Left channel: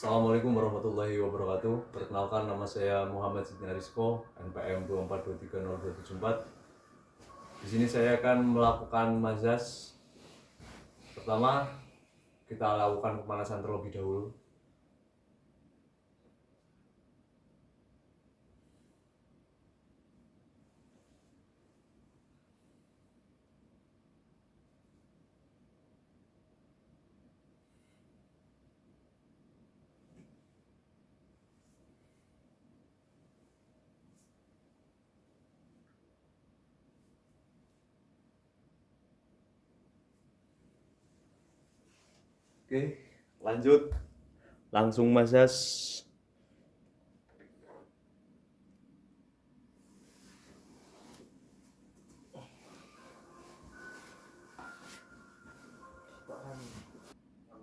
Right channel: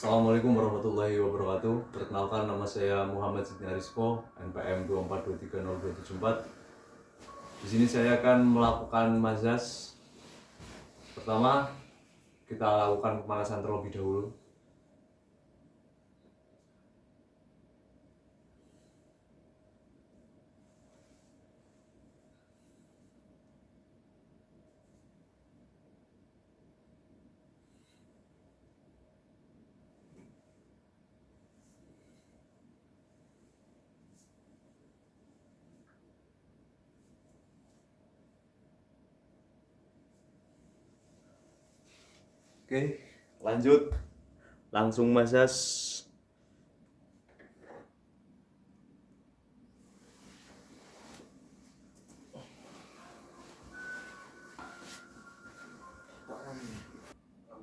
Assalamualaikum warahmatullahi wabarakatuh. Perkenalkan, nama saya Muhammad Sidney Arisco, NPM 2423024. Di sini saya akan melakukan mazaz. Pertama, kita lakukan pemanasan terlebih dahulu. Oke, lanjut. Langsung mazaz.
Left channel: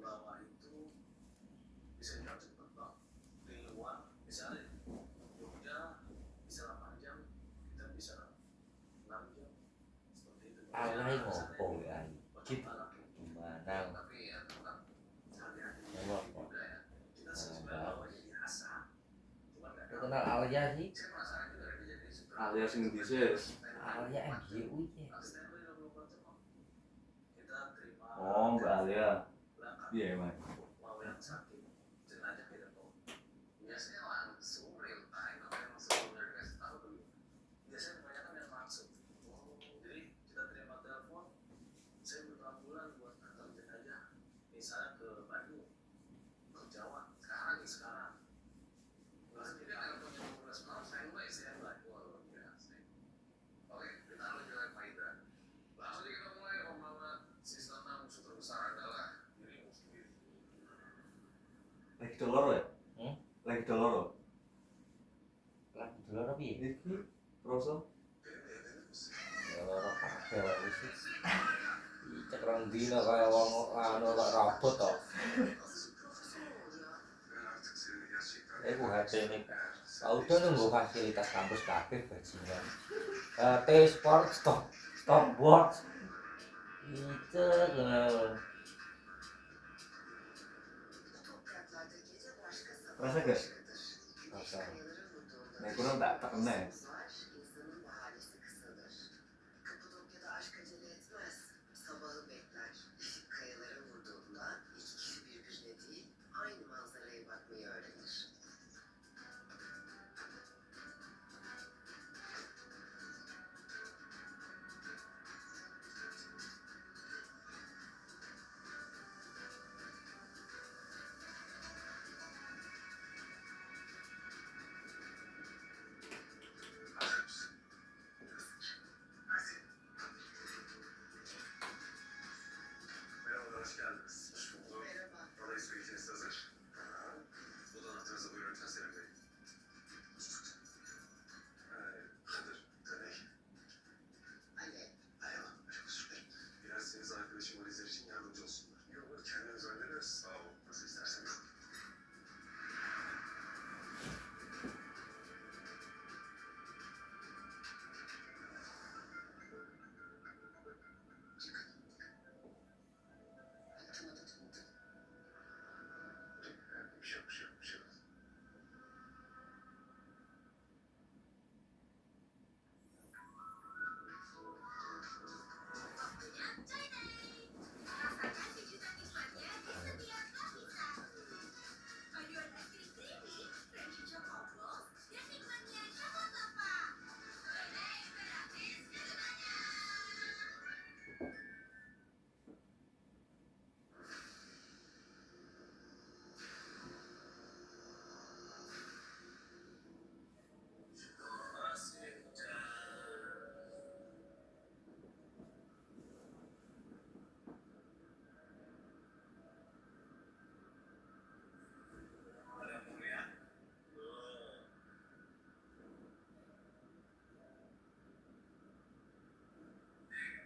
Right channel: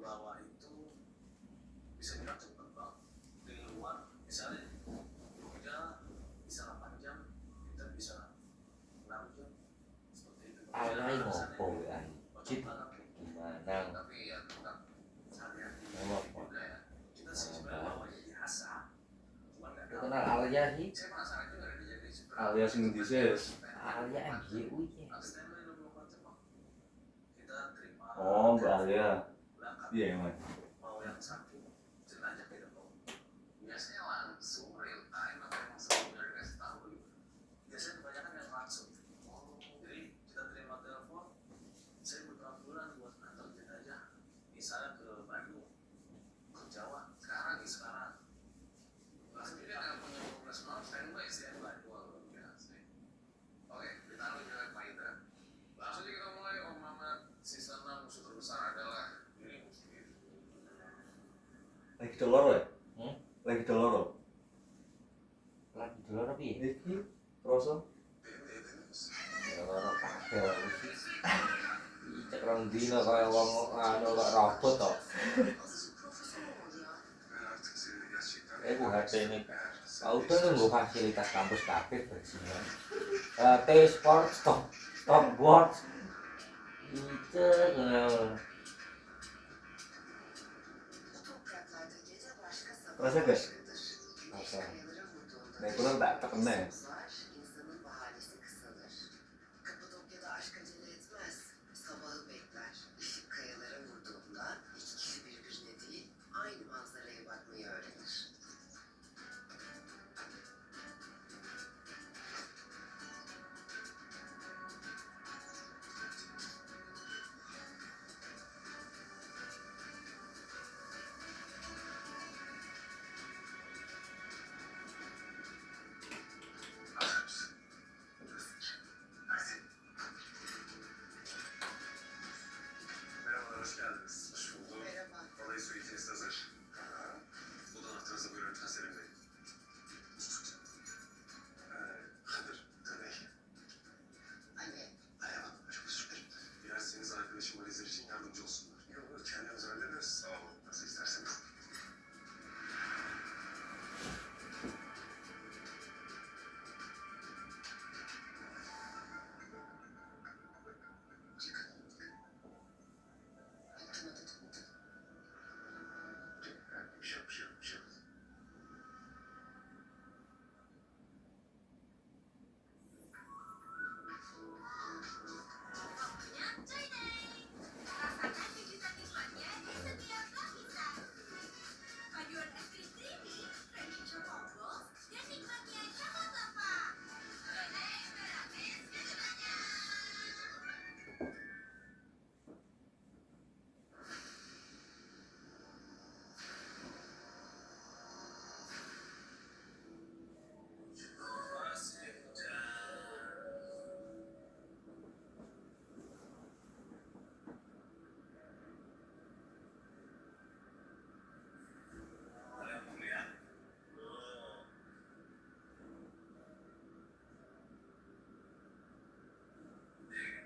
Bawah itu bisa jarak cepat bang. Dari luar misalnya Jogja bisa 8 jam, kita bisa 6 jam. Seperti itu. Alay ngopo ya anjir Manang Tapi ya tetap hati-hati ngomong juga ya. Kita sih sebenarnya bawa biasa. Cuma nggak lu tahu. kenal Alia sih Saya penasaran juga dia jadi seperti Alias Indises. Alia MGU nya Asisten lu 24 jam bang. Kita terima. Oh, Mbak Alia. Berangkat. Iya, emang. Mau yang sakit jenazah kita bawa. Biasanya langsung real time atau emang sebelumnya dikasih tahu begitu. Biasanya kebanyakan yang langsung. Jadi kita terima telepon, saya butuh ambulan buat antar jenazah, misalnya ke Bandung, ke Jawa. Sekarang. Nah, sendiri ada punya 12 malam standby. Wah, luar biasa. Oke, kita lalu jalan Pak Indra. Langsung aja kita mulai. Om Mamat, sisa musuh terbesar adalah dirimu sendiri. Lagi dolor ya? Hmm? Lagi dolor. lagi dulu tapi Iki, Rosso. ya loro kabeh wae sih cek rong dino kaya wong anu kok robot to HP ini udah nunggu fasilitas kampus kabeh bajingan HP sport stopboard itu Rasa gak? rasa Nah, kurang tak terkena ya? Merhaba, hoş geldiniz. Hoş bulduk. Merhaba. Odayı suitiniz hazır. Oda anahtarınızı buyurun lütfen Selim Bey. Kadir, Taney. Alev Hanım, çok özür dilerim. Dilerseniz arkadaşım valizler için yardımcı olsunlar. Yok, kendimiz hallederiz. Sağ olun. Nasıl isterseniz. Bir şey yok. Rasakan kejutan nikmatnya di setiap pizza. Paduan es krim creamy, crunchy chocolate balls, dan nikmatnya coklat lava. Renai Merapis kejutannya.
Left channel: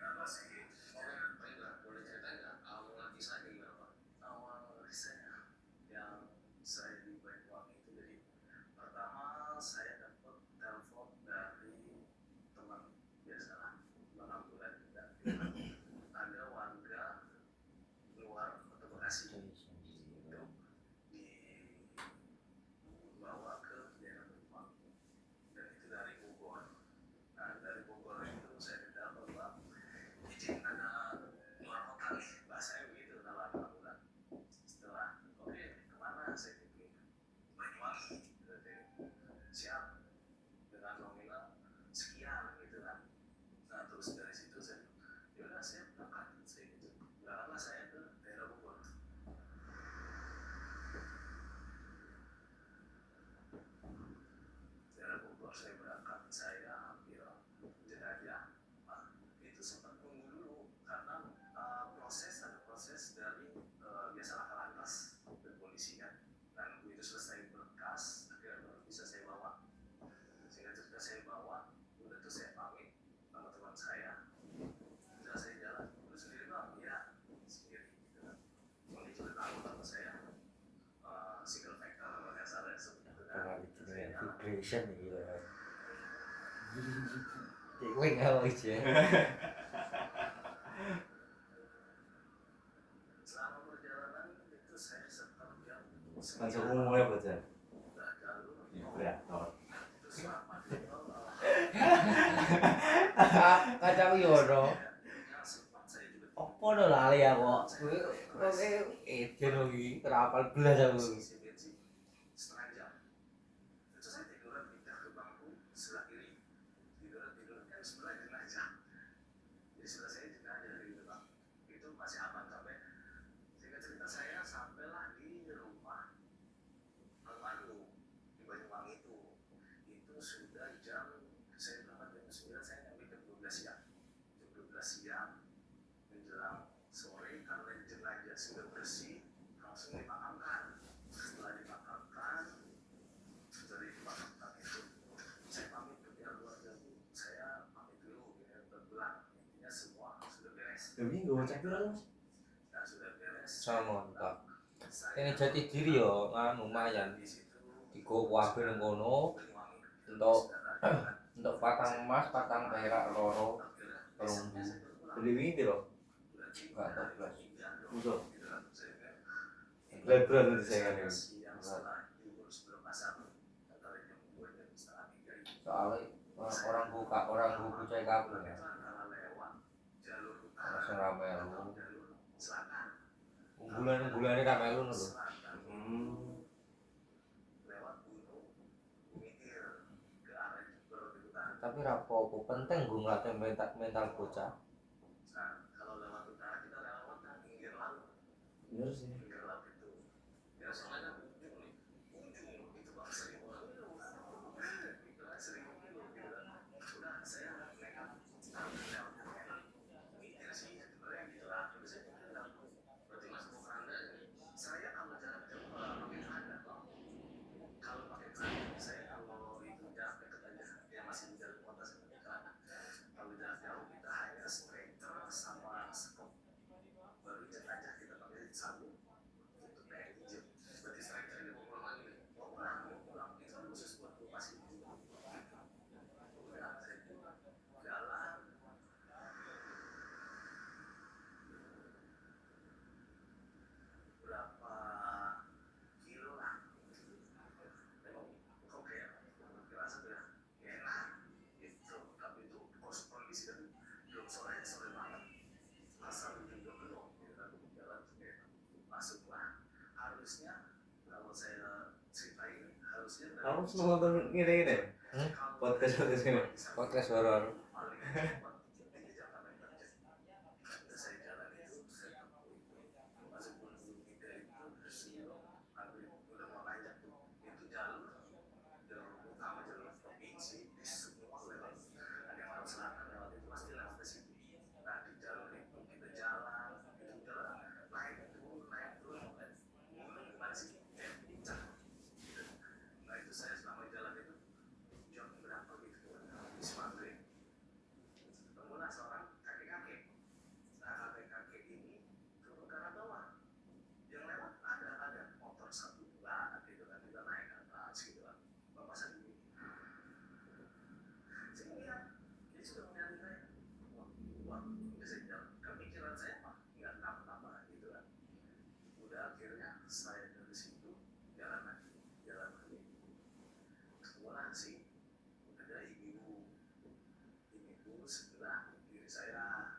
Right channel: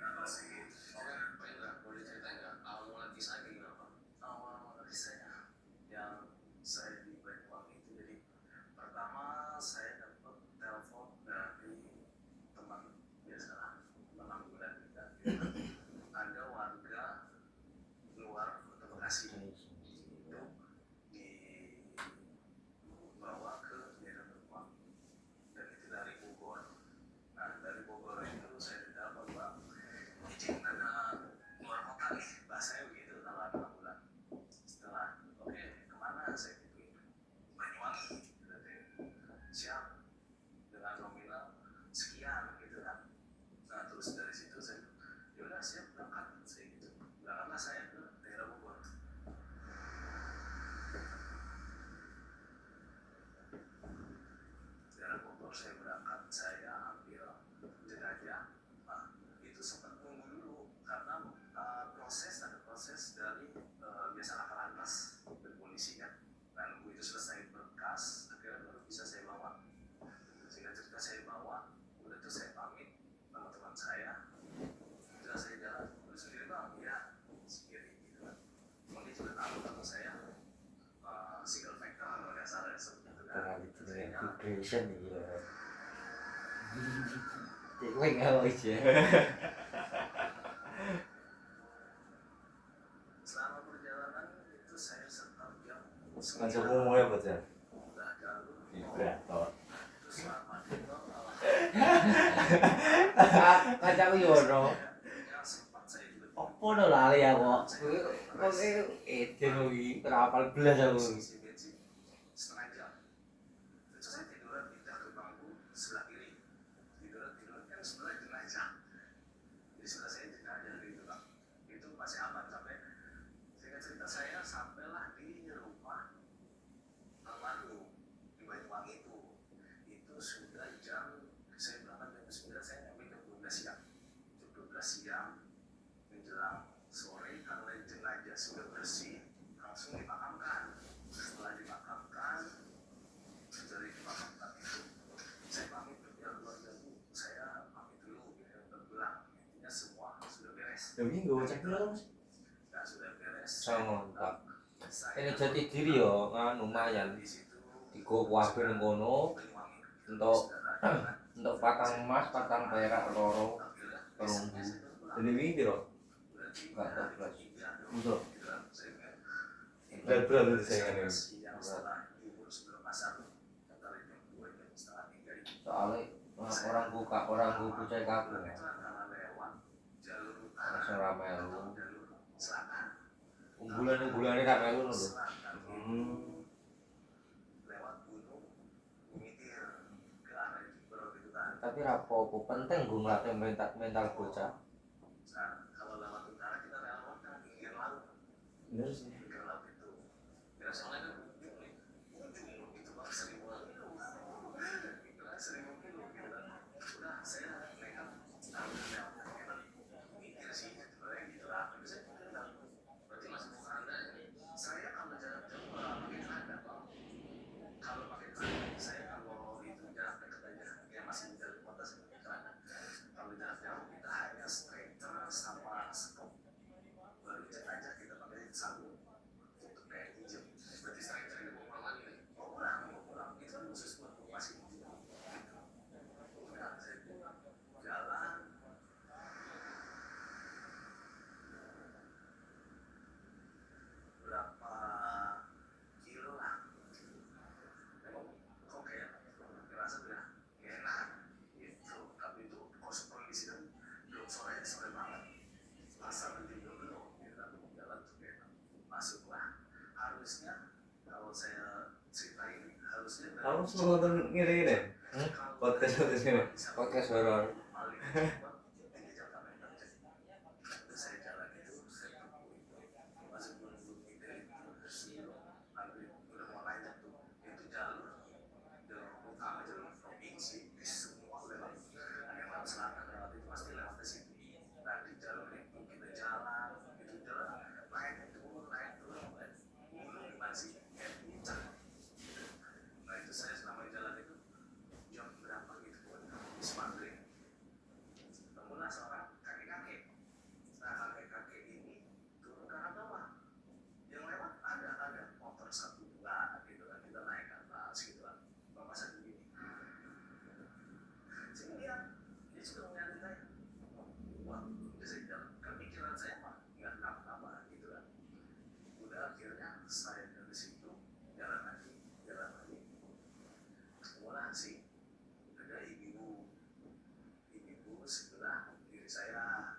Kenapa sih? Oke, Pak Indra, boleh ceritain nggak awal mula kisahnya kayak gimana, Pak? Awal mula kisahnya yang saya di Banyuwangi itu, jadi pertama saya dapat telepon dari teman biasalah, teman ambulan kita. Ada warga luar Kota Bekasi itu di Indonesia nih ya. Gue nggak mau aja. Selama perjalanan itu saya setor jam Langsung umumnya apa aja? udah jalur Vibrator. terus selama itu Kacau Yono. yang sempat saya juga Apa udah lali ya kok? Kok eden lagi terapal belas aku. isi bensin setengah jam. Terus saya tiduran pindah ke bangku sebelah kiri, tiduran kan sebelah jenazah. Jadi sebelah saya jenazah gitu bang. Itu masih aman sampai singkat cerita saya sampailah di rumah almarhum di Banyuwangi itu sudah jam saya berangkat jam 9 saya nyampe jam 12 siang. Jam 12 siang menjelang sore karena jenazah sudah bersih langsung dimakamkan. Setelah dimakamkan dari dimakamkan itu saya pamit ke pihak keluarga bu, saya pamit dulu gitu untuk pulang. Intinya semua sudah beres. Minggu cek dulu Mas. Nah sudah beres. Sama Pak. Saya Ini jati diri yo, kan lumayan. di situ Digo wae nang kono Banyuwangi. untuk patang emas, patang perak loro, perunggu. Jadi minggu loh. Enggak tahu belas. Musuh. Berat itu saingannya. Soalnya orang buka cek aku ya. Langsung ramai lu. Unggulan gak melu lho. Tapi rapopo penting gue ngelatih mental bocah. Kalau lewat utara kita lewat kan pinggir laut. Bener sih. Pinggir laut itu. Kira soalnya ujung itu bang 1.000 kilo. Kira 1.000 kilo gitu kan. Udah saya nekat mikir sih sebenarnya gitu lah. Tapi saya bilang berarti masuk ke anda saya kalau jarak jauh pakai keranda bang. Kalau pakai keranda saya kalau itu jarak dekat aja ya masih di dalam kota sebenarnya. Kalau jarak jauh kita hanya striker sama skop. Baru cek aja kita pakai sabun untuk kayak hijau. Berarti striker ini mau pulang lagi. Mau pulang. Itu kan khusus buat masih hijau. Udah saya jalan. Berapa kilo lah. Emang kok kayak ngerasa udah enak gitu. Tapi itu kondisi kan belum sore banget. Pasar juga belum gitu kan jalan tuh kayak masuklah. Harusnya kalau saya ceritain harusnya dari Kamu semua nonton ngene-ngene? Podcast ini. Podcast horor. paling cepat 3 jam sampai 4 jam. Udah saya jalan itu saya tempuh itu masuk Gunung kita itu Sio ambil udah mau nanjak tuh itu jalur utama jalur provinsi di semua lewat ada yang lewat selatan lewat itu pasti lewat ke situ. Nah di jalur itu kita jalan itu jalan naik turun gunung gimana sih kayak puncak. Nah itu saya selama jalan itu jam berapa gitu habis maghrib ketemulah seorang kakek-kakek. Nah kakek-kakek ini turun ke arah bawah yang lewat ada motor satu lah gitu kan kita naik ke atas gitu kan bapak saya begini sini lihat dia sudah ngeliatin saya wah udah saya jalan kan pikiran saya mah nggak kenapa-napa gitu kan udah akhirnya saya dari situ jalan lagi ketemulah sih ada ibu sebelah kiri saya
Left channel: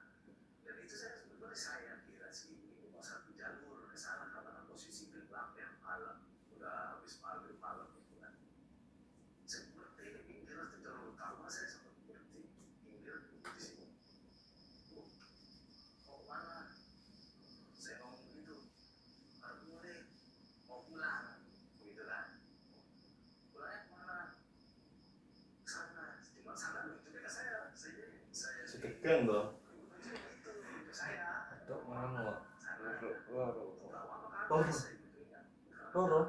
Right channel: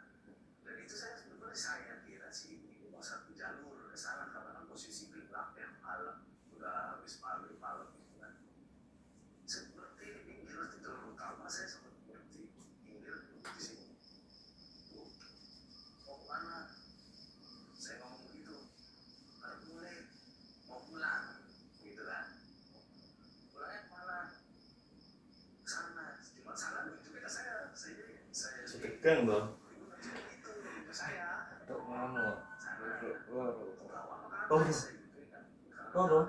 dan itu saya sebetulnya saya kira si ibu mau satu jalur ke sana karena kan posisi gelap ya malam udah habis malam gitu kan saya berhenti di pinggir di jalur utama saya sempat berhenti pinggir di sini Bu, mau kemana saya ngomong begitu baru boleh mau pulang gitu kan pulangnya kemana sana cuma sana itu beda saya Sedegang loh. itu saya Untuk ngono. Toro. Toro.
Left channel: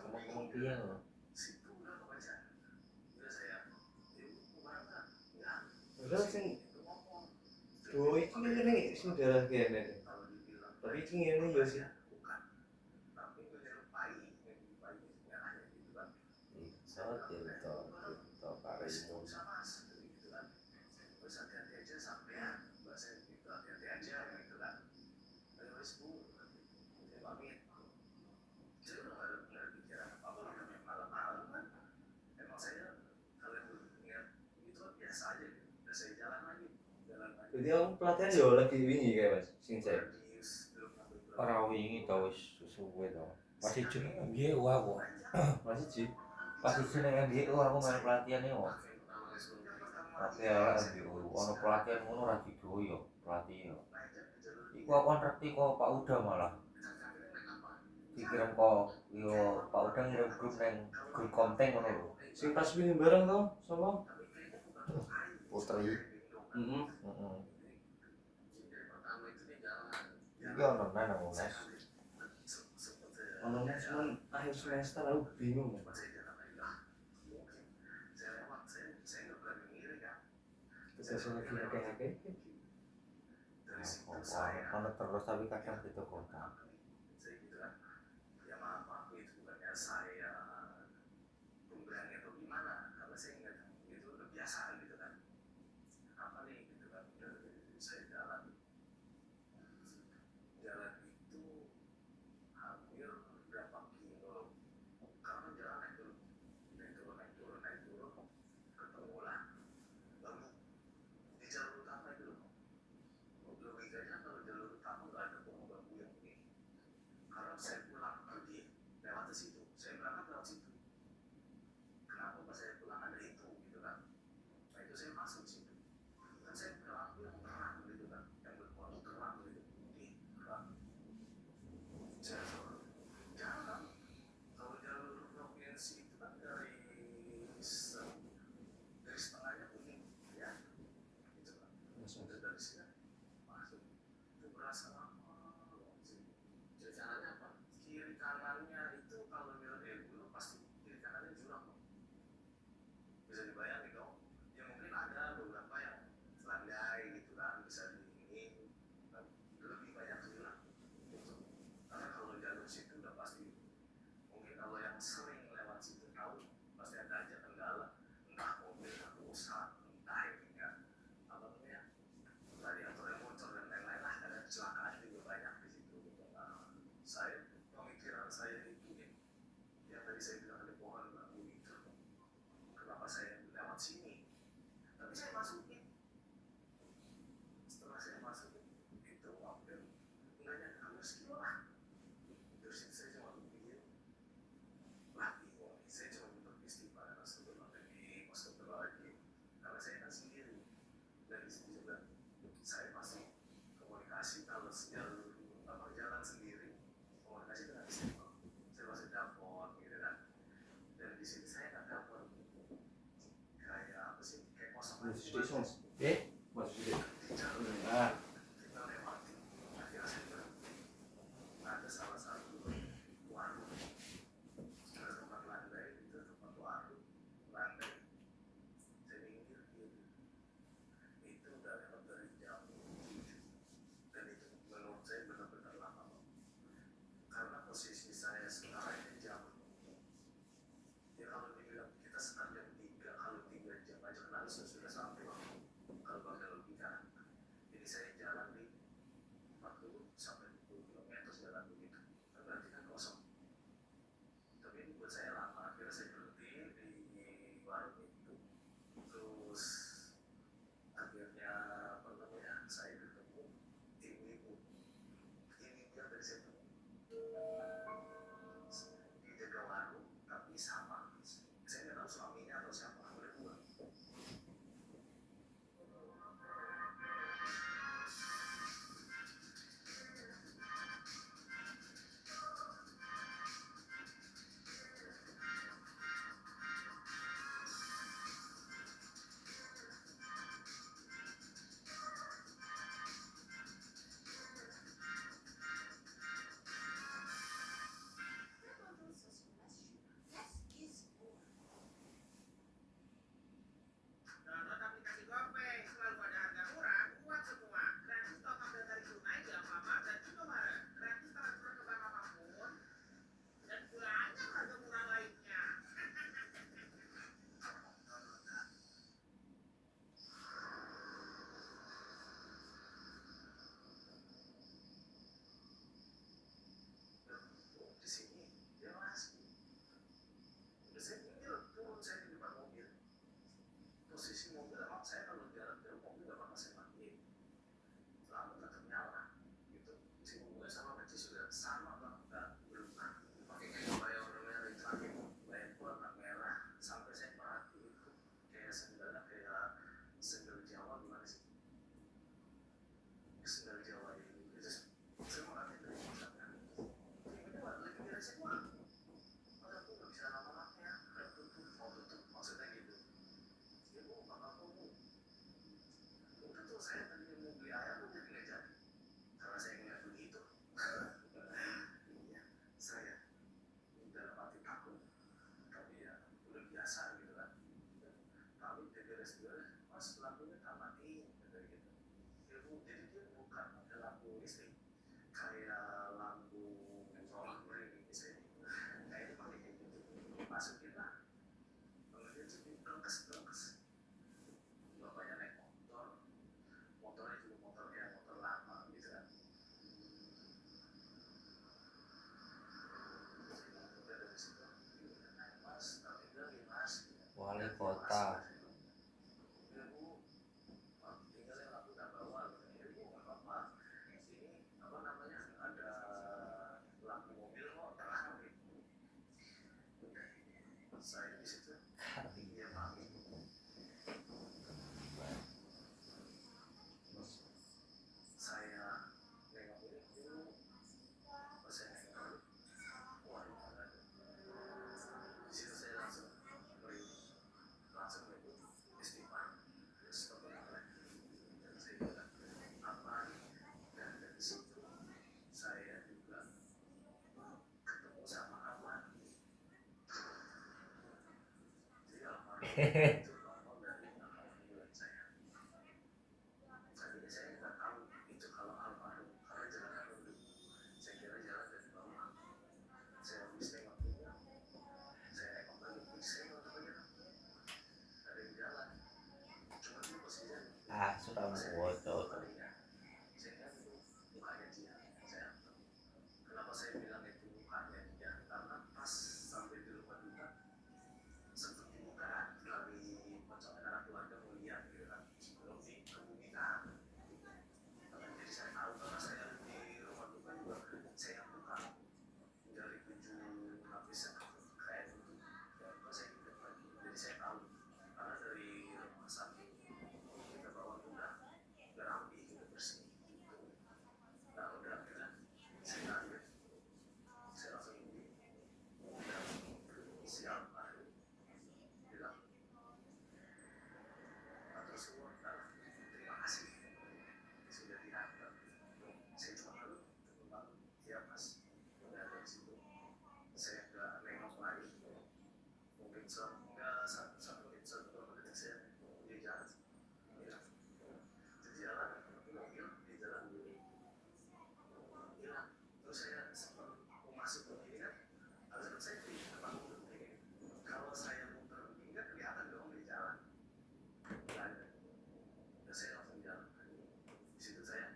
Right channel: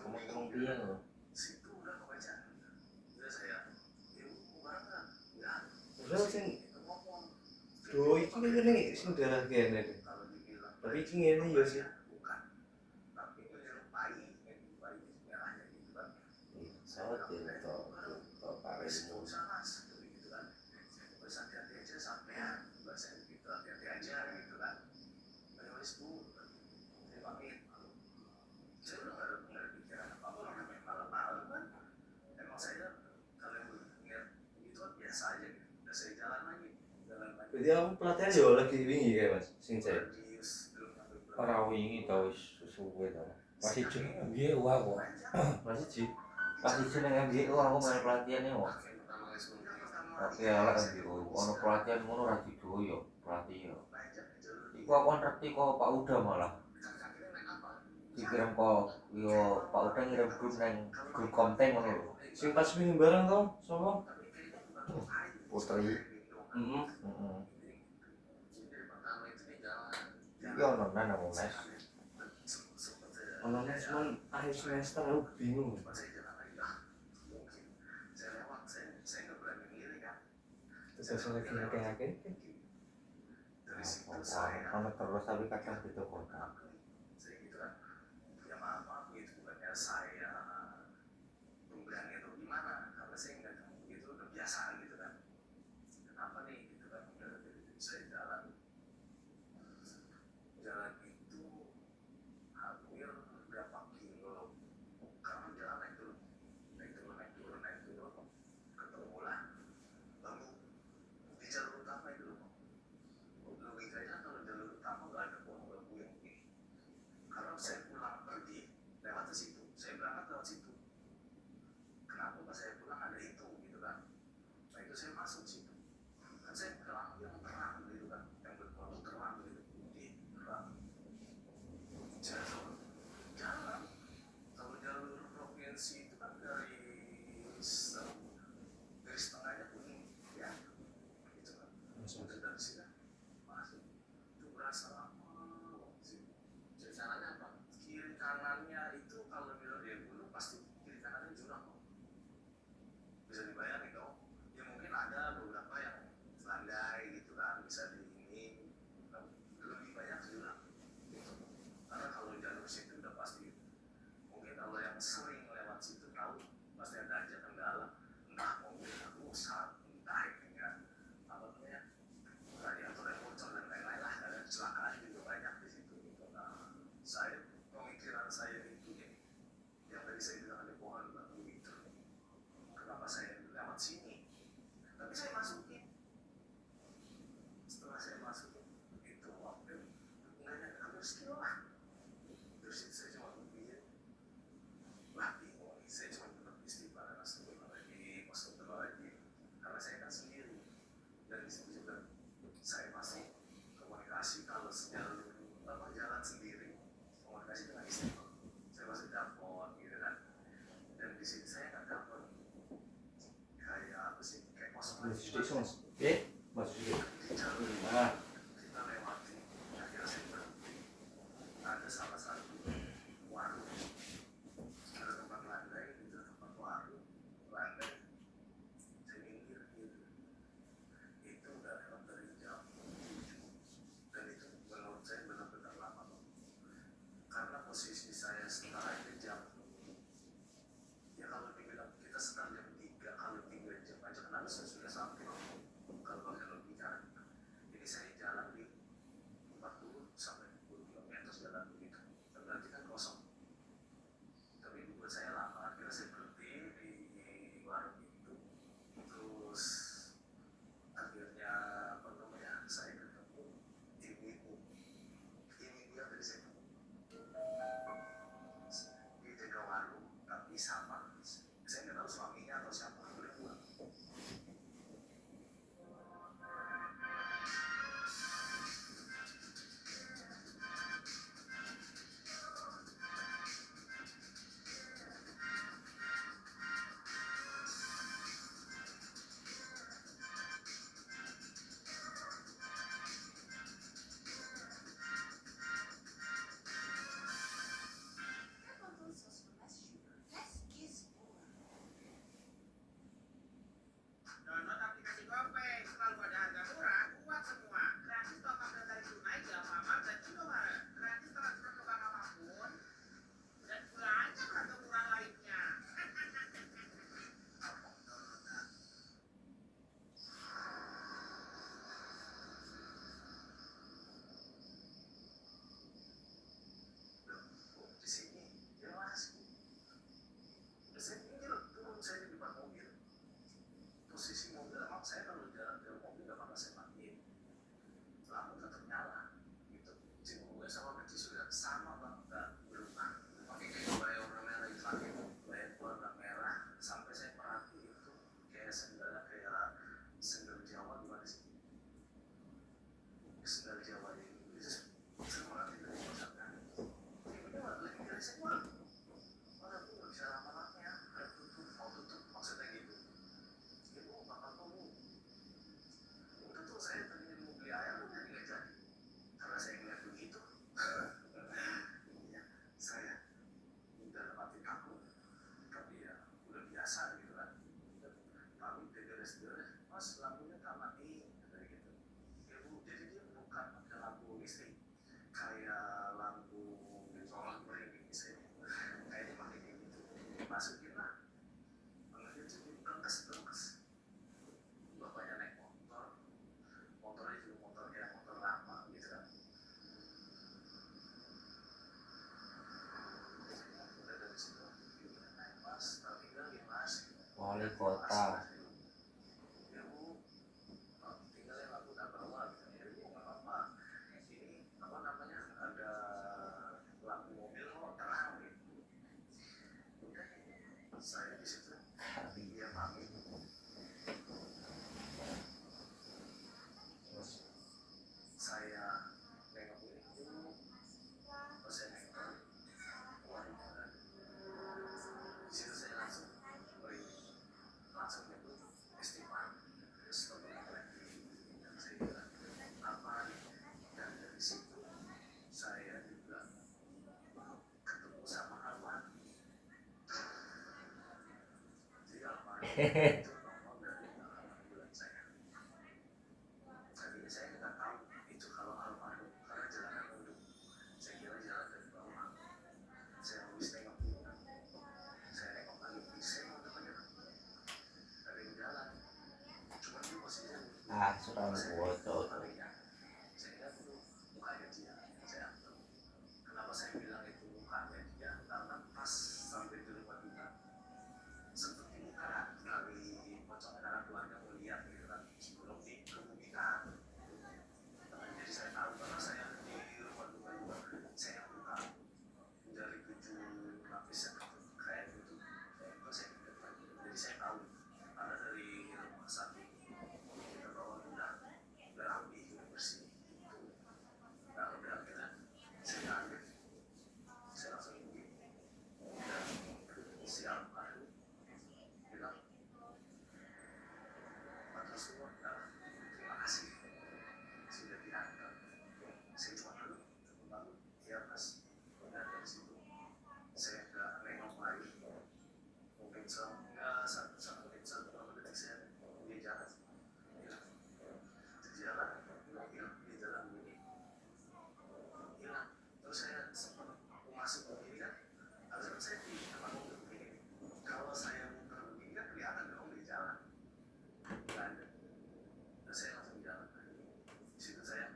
Ngomong piye lho. situ udah kebaca udah saya barang nggak ya Padahal sing ngomong do iki ngene sing darah kene. kalau dibilang Tapi iki ngene ya sih. bukan tapi menyerupai merahnya gitu kan Tirto Karimun. sama gitu kan. Terus hati-hati aja sampean, bahasa gitu hati-hati aja gitu kan. Terus bu, saya pamit. Saya udah nggak ada pikiran apa-apa namanya malam-malam kan. Emang saya kalian lihat gitu kan biasa aja gitu. Udah saya jalan lagi. Berarti aku pelatihan yo lagi wingi kayak Mas, sing saya. Radius belum sampai berapa. Ora wingi tau suwe to. Masih jeneng MBO aku. Masih Ji. Masih jeneng MBO aku main pelatihannya kok. Tapi ala MBO ono pelatihan ngono ra didoyo, pelatih yo. Iku aku ngerti kok Pak Uda malah. Dikirim kok yo Pak Uda ngirim grup konten ngono lho. Sing pas wingi bareng to, sapa? Putri. Heeh. Heeh. Iki ono nang Unes. Ono nes cuman akhir semester aku bingung. Terus saya lagi akeh-akeh. Ono terus tapi kadang gitu kota. Ya maaf itu bukannya saya pemberani atau gimana, karena saya nggak gitu udah biasa gitu kan. Apa nih gitu kan, saya jalan itu hampir berapa kilo, karena jalan naik turun, ketemu lah. Lalu di jalur utama itu logikanya kalau jalur utama nggak ada pohon bambu yang begini. Karena saya pulang pergi lewat ke situ, saya berangkat lewat situ. Kenapa pas saya pulang ada itu gitu kan? Nah itu saya masuk situ. Kan saya ke lampu yang terang gitu kan, yang berlampu terang gitu, putih terang. Saya jalan, kalau jalur provinsi itu kan garis tengahnya kuning, ya, gitu kan. Udah dari sini masuk, itu berasa lama sih. Jadi caranya apa? Kiri kanannya itu kalau bilang dari gunung pasti kiri kanannya jurang. Bisa dibayangin dong. Ya mungkin ada beberapa yang landai gitu kan, bisa di ini, lebih banyak jurang. Gitu. Karena kalau jalur situ udah pasti, mungkin kalau yang sering lewat situ tahu pasti ada aja kendala, entah mobil rusak, entah ini kan apa namanya radiator yang bocor dan lain-lain lah, ada kecelakaan juga banyak di situ gitu. Nah, saya pemikiran saya itu yang tadi saya bilang ada pohon bambu itu, kenapa saya lewat sini? Tapi saya masukin. Setelah saya masukin itu mobil nggak nyangka harus kilo lah. Terus saya cuma berpikir, wah bingung nih, saya cuma tetap istighfar astagfirullahaladzim, astagfirullahaladzim, karena saya kan sendiri. Dan di situ juga saya masih komunikasi kalau jalan sendiri, komunikasi dengan istri, saya masih telepon gitu kan. Dan di sini saya nggak telepon kayak apa sih, kayak kosong Mas aja. Sudik Mas. Mas Sudik. Di jalur Ah, kita lewati, akhirnya saya berhenti. Ada salah satu warung, ada tempat landai, itu tempat warung landai. Saya minggir gitu. Itu udah lewat dari jam 7. Dan itu menurut saya benar-benar lama loh. Karena posisi saya setara itu jam, ya kalau dibilang kita sekitar jam 3, kalau 3 jam aja kan harusnya sudah sampai. saya tadinya mau beli ayam tapi nggak jadi karena saya ngeliat begitu. Iya, saya dalam hati takut, tapi ya udah biasa gitu kan. Tapi beres-beres, mas lampunya tak matiin, kayak gitu. Ya bu, jadi dia bukan pakai lampu listrik, kayak lampu solar ini misalnya. Kayaknya pakai kayak gitu. Masukin lah, malah dia jadi berangkas. Bapaknya naik motor, motornya juga motor lama gitu kan. Udah dari situ, gimana naik mas, tak tinggal ya mas. Wali kota. Ya bu, tinggalin aku tak bawa gitu. Ya bu, nggak apa-apa. Ini apa namanya ada lampu mobil kok terang gitu. Udah, saya di situ. Iya pamit. Terus saya nengok ini dulu. Terus saya nengok balik. Waduh, ada. Di situ saya langsung merinding. Langsung itu istighfar. Terus teman lagi. Dan saya bilang, apa nih? Dan dari situ saya juga ketemu sama Arman. Jadi Arman itu nongol dari halaman bulan saya. Tadinya saya nggak tahu itu kalau almarhum karena jalanan dulu. Saya kira jalan dari bawah. Saya habis nengok dulu. Saya nengok lagi. Saya nengok aja. Ada yang jalan. Cuma dia posisinya. Sudah bocor. Saya lihat itu mukanya dia. Saya kenapa saya bilang itu mukanya dia? Karena pas sampai di rumah kita seperti muka kami pocong anak keluarga melihat gitu kan sebelum dikebumikan. Jadi saya tahu karena saya di rumah duka juga saya buka dari 7 lapisan kayak gitu. Kalau saya ingat lagi, jadi saya tahu karena dari rumah sakit kita bawa udah rapi udah bersih. Nah udah akhirnya saya kaget, saya langsung pergi. Udah siap hari bilang matur suwun, terima kasih sudah diantar. Saya cuma lalu ya mas, udah dari situ saya nggak nengok lagi. Mungkin selama satu menit berapa detik saya di jalan, hilang. Di jalan mobil di jalan ini hilang. Terus saya sempat mau masuk begini kan, harusnya saya di depan mobil begini. Kalau saya muter begini kan kelihatan dong di jalan. Nggak ada. Dan saya langsung jalan. Di situ saya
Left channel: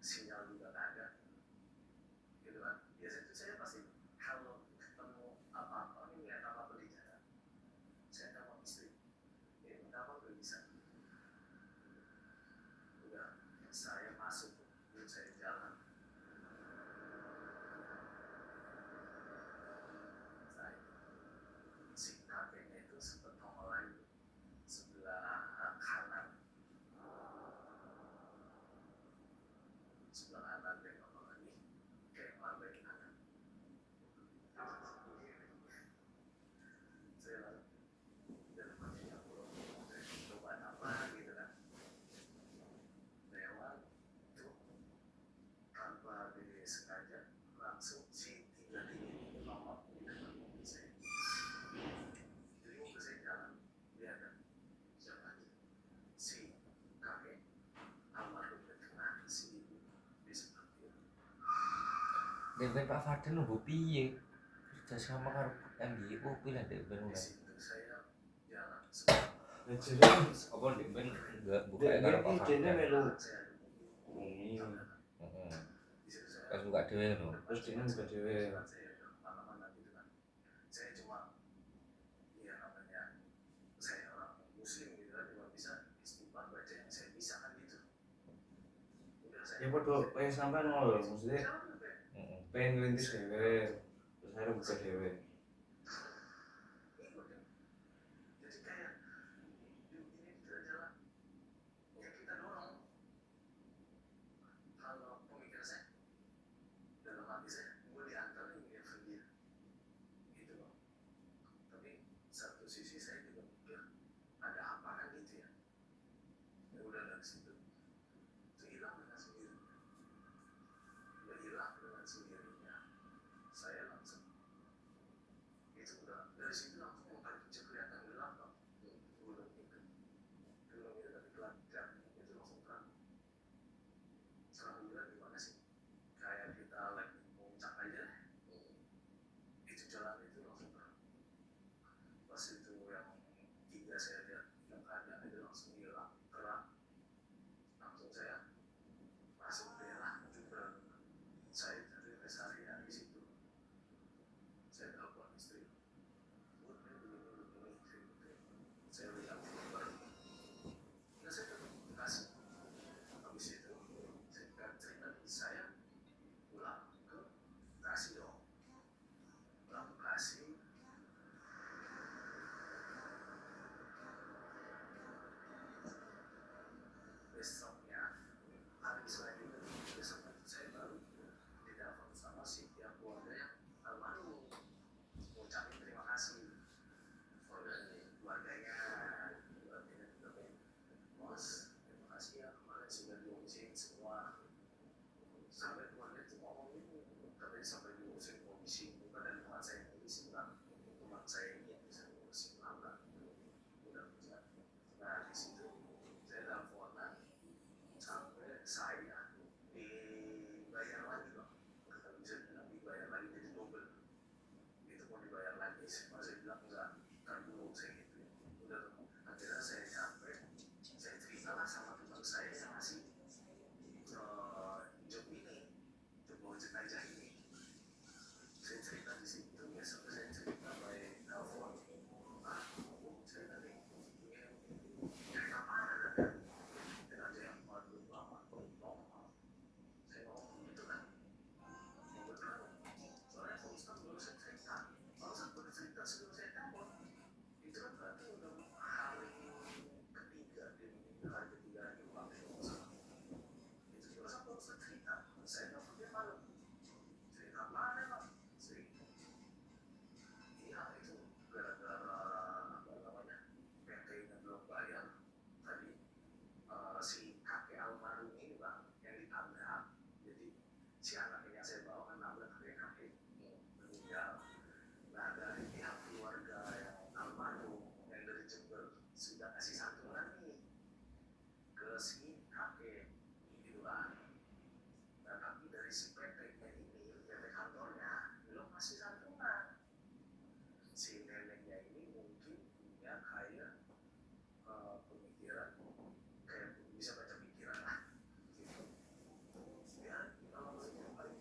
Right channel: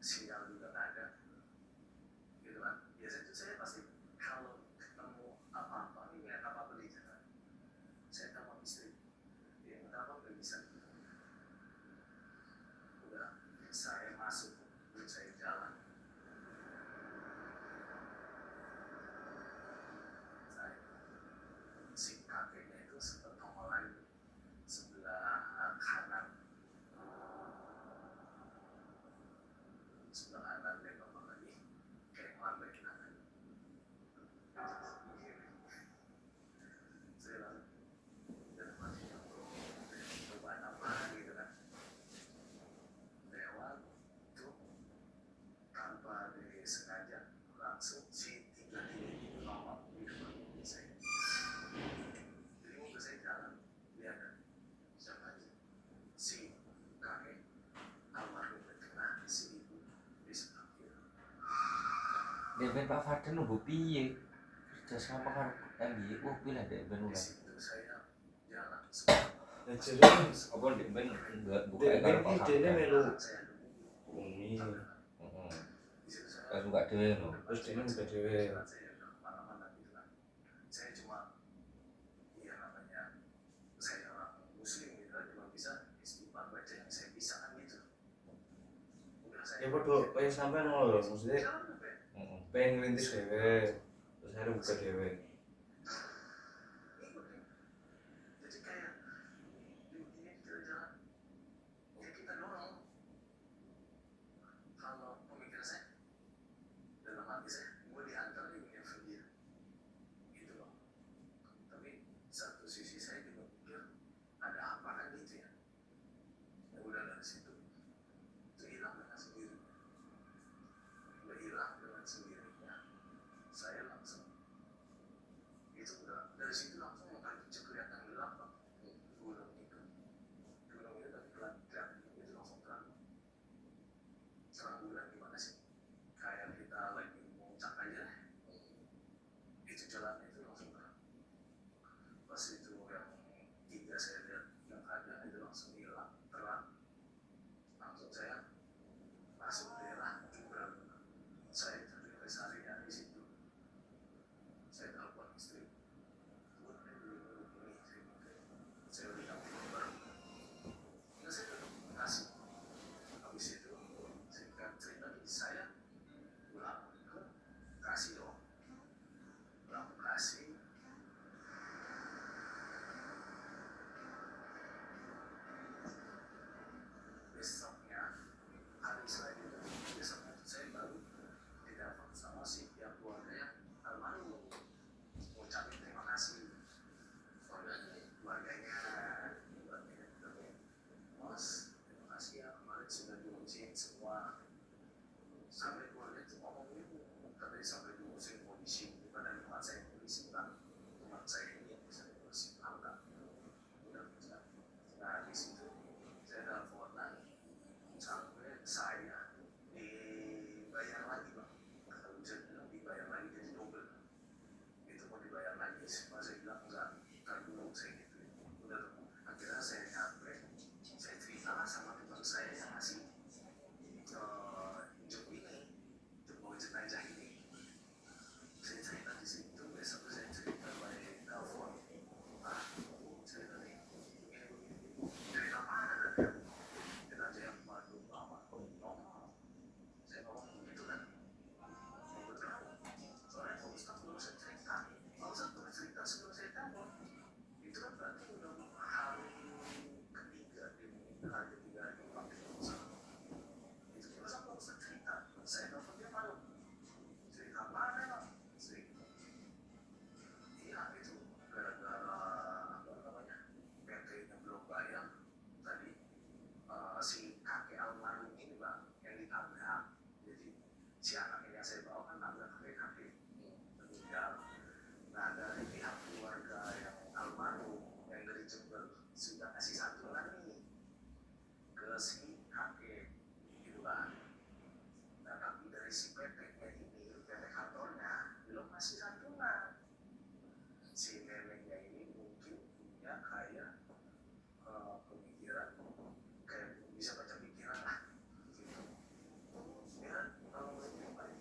sinyal juga nggak ada. Gitu kan. Biasanya itu saya pasti kalau ketemu apa-apa, ngeliat apa-apa di jalan, saya telepon istri. Ya nggak apa-apa nggak bisa. Udah, saya masuk, saya jalan. Saya si kakeknya itu sempat nongol lagi sebelah kanan dia nongol lagi kayak ngelambai kanan. Saya lalu dalam hati cobaan apa gitu kan, lewat tuh tanpa disengaja langsung si tiga-tiga nongol di depan mobil saya. Jadi mobil saya jalan, dia ada siapa aja, si kakek almarhum kena si ibu di sebelah kiri. Ben Pak Farden nunggu piye? Kerja sama karo MBO pilih deh ben Di ulah. situ saya jalan sebentar. Nah jadi Apa deh ben enggak buka dia karo Pak idenya Farden. melu Saya dulu bumi, Heeh. di situ saya Kan suka deh lho. terus dia buka dewe. saya udah kemana-mana gitu kan. Saya cuma ya namanya saya orang muslim gitu kan, cuma bisa istighfar baca yang saya bisa kan gitu. Udah saya Ya bodoh, pengen sampai nol loh, maksudnya jalan sampai Heeh. pengen ngelintis dewe, terus akhirnya buka dewe. ikut nih. Jadi kayak ini jalan-jalan ya kita dorong. Kalau pemikiran saya dalam hati saya, gue diantar nih dengan dia gitu loh. Tapi satu sisi saya juga mikir ada apa kan gitu ya. dari situ langsung yang paling kecil kelihatan gelap Pak. Gunung itu tapi kelihatan itu langsung terang. Sekarang gue bilang gimana sih? Kayak kita lagi muncak aja, itu jalannya itu langsung terang. Pas itu yang 3 saya lihat yang ada itu langsung hilang terang. Langsung saya masuk daerah Jumbrang. Saya tadi rest area di situ. Saya telepon istri. Bu, ini, saya udah dapat baru. Ya saya tetap kasih. Habis itu singkat cerita saya pulang ke Bekasi dong. Pulang ke Bekasi. Besoknya hari selanjutnya besoknya itu saya baru ditelepon sama si pihak keluarga yang almarhum ngucapin terima kasih. Soalnya keluarganya bilang, Mas, terima kasih ya kemarin sudah diurusin semua. Sampai keluarga itu ngomong gitu, katanya sampai diurusin polisi, bukan tempat saya polisi bilang tempat saya ini yang bisa diurusin enggak. Udah bisa. Nah di situ saya teleponan sampai saya dibayar lagi Bang. Kalau bisa bilang dibayar lagi jadi double. Itu mau dibayar lagi, saya bilang enggak, kan dulu saya gitu. Udah tuh, akhirnya saya capek, saya cerita lah sama teman saya yang ngasih job ini, job mau jenazah ini. Saya cerita di situ, besok saya cerita by telepon. Saya tadi dari kapan ada jenazah yang baru lama, normal. Saya ngomong begitu kan, betul. Soalnya kalau Ustaz belum saya cerita, kalau Ustaz belum cerita sebelum saya telepon, itu kan berarti udah hari ketiga dia meninggal, hari ketiga lagi pulang ke Indonesia. Itu terus aku Ustaz cerita, saya telepon dia malu. Cerita mana Pak? Cerita. Iya itu gara-gara apa namanya PT-nya belum bayar tadi si kakek almarhum ini Bang yang ditabrak. Jadi si anak ini yang saya bawa kan nabrak kakek meninggal. Nah dari pihak keluarga yang almarhum yang dari Jember sudah kasih santunan nih ke si kakek gitu Bang. Nah tapi dari si PT-nya ini, PT kantornya belum kasih santunan. Si neneknya ini mungkin punya kayak pemikiran, kayak bisa baca pikiran lah gitu. Ya kalau menurut yang paling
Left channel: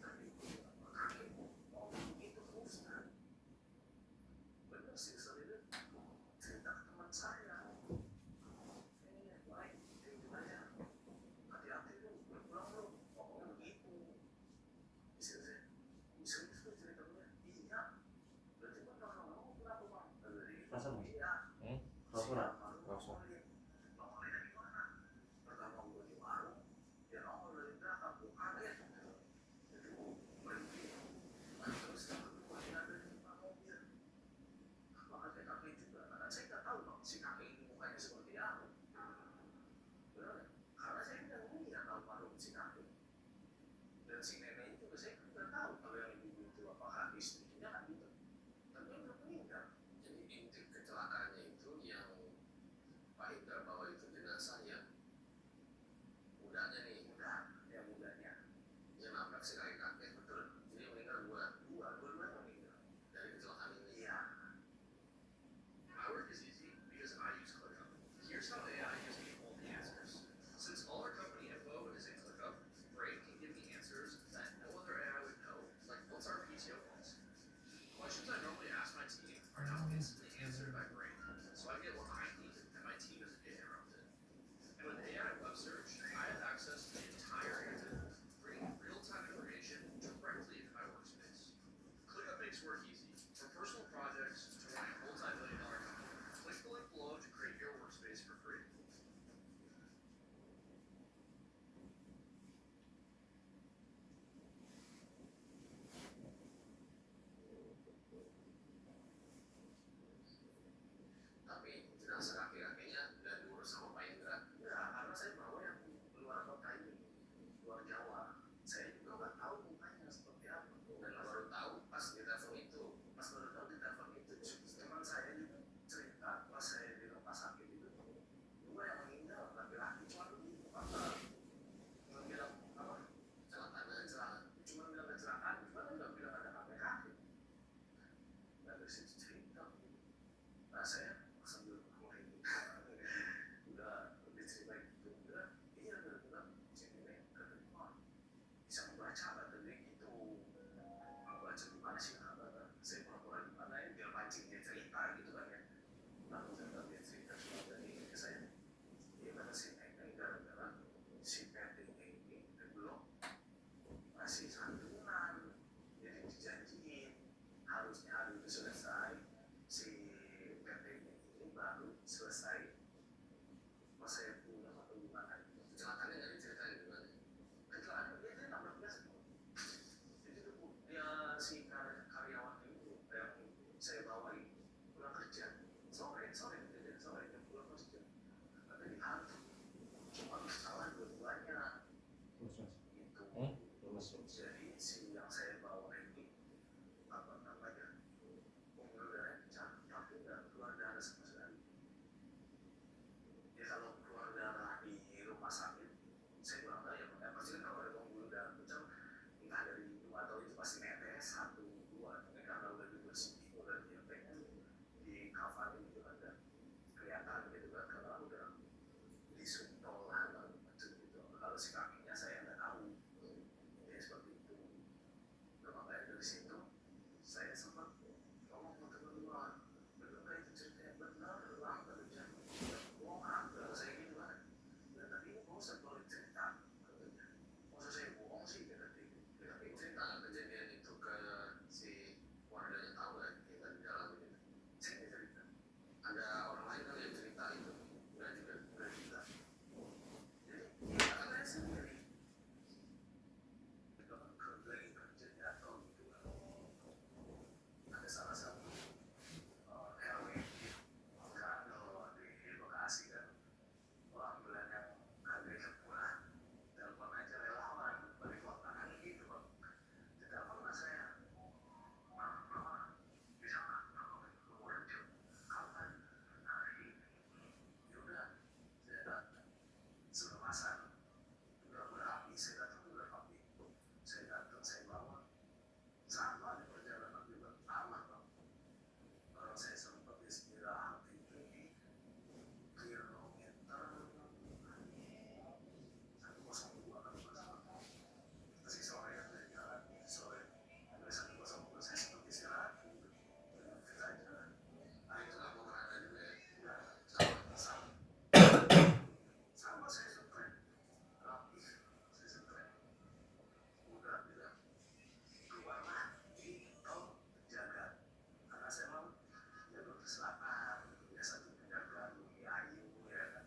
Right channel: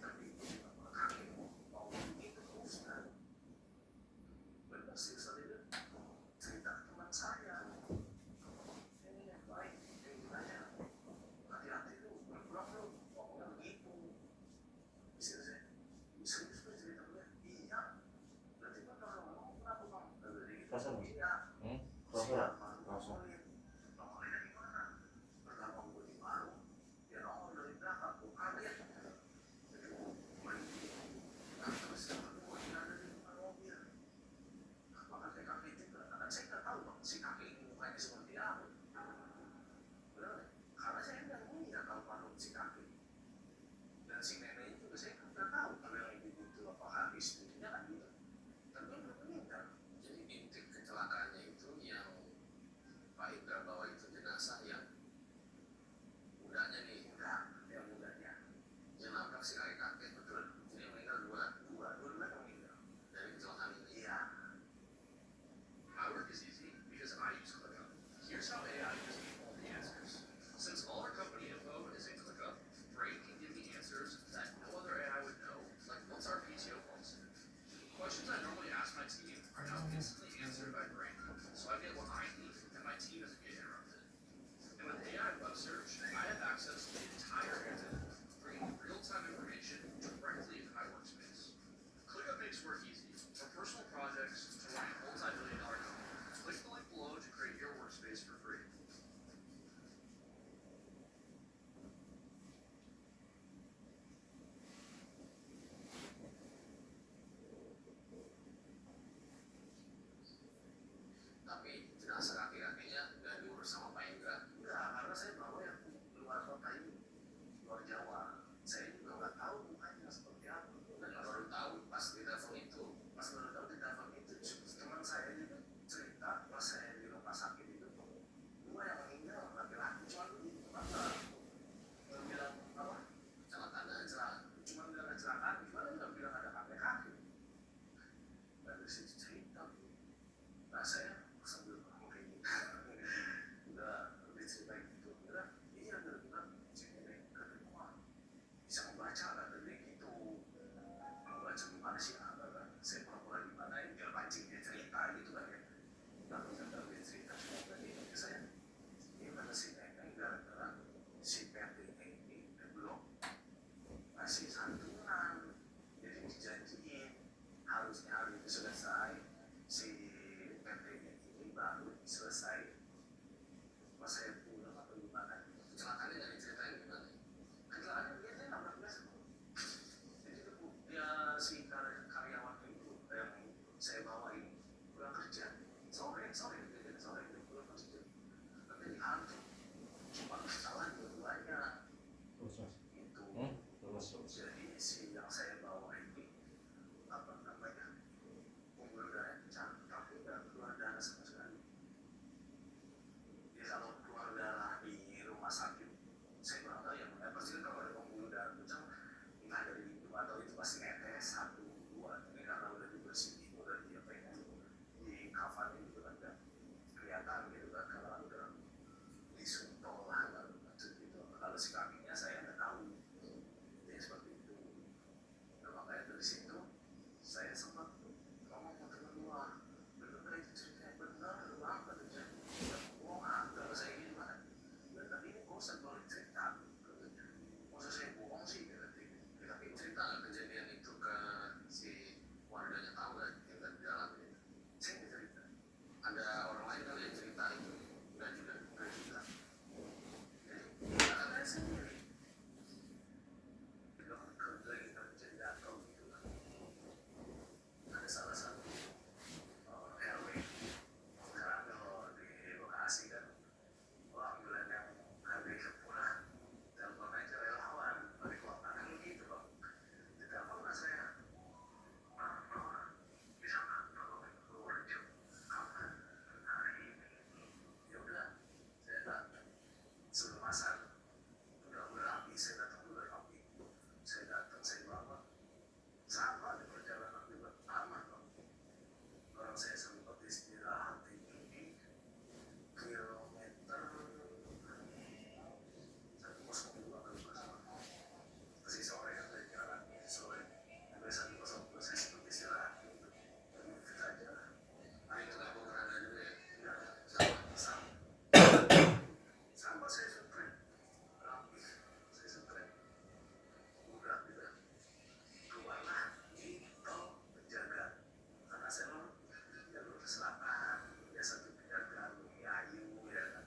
masih netes 1 2, ini karena udah dibersihin udah di coverin gitu kan nggak kelihatan gitu kan kalau udah disumpel lah macet gitu. Kalau si kakinya saya nggak tahu ya seperti itu. Nah, makanya dari situ saya sempat ngomong ke teman gua, bener gak itu ceritanya? Bener bang, katanya. Oh ada, saya gini mana? Ya tadi ini gak usah balik cerita, katanya. Masa saya bohong sih, katanya. Ya, tapi cerita nggak kejadian itu ke si warganya tahu kan, yang kan di dalam itu? Saya nggak cerita. Ada orang lain kali yang cerita itu? Nggak juga, nggak juga. Jadi ya kan saya sendiri. Itu kan lagi kerja jatuh gitu kan. Ada salah satu RW kan kalau di Bekasi kan alhamdulillah yang harganya murah telepon aja relawan dari kota kan gitu bang. Ditelepon lah saya, Mama bisa nggak tolongin Purworejo kapan hari ini? Ya udah saya datang sebelum asar udah berapi, saya datang udah rapi, saya datang saya bawa sama di perjalanan juga aman bang. Orang saya sempat istirahat itu di kilometer 102 kan mas. Masih sore kan dari jalan sore sampai 102 saya sempat istirahat gitu. Jadi fit aja lah. Nah itu nggak mau berada juga ya? Nggak, sama sama saya surprise rapi, saya surprise udah bilang keluarlah di tol Pejagan karena saya mau jalur selatan ya satu Pejagan Bumi Ayu ya kan.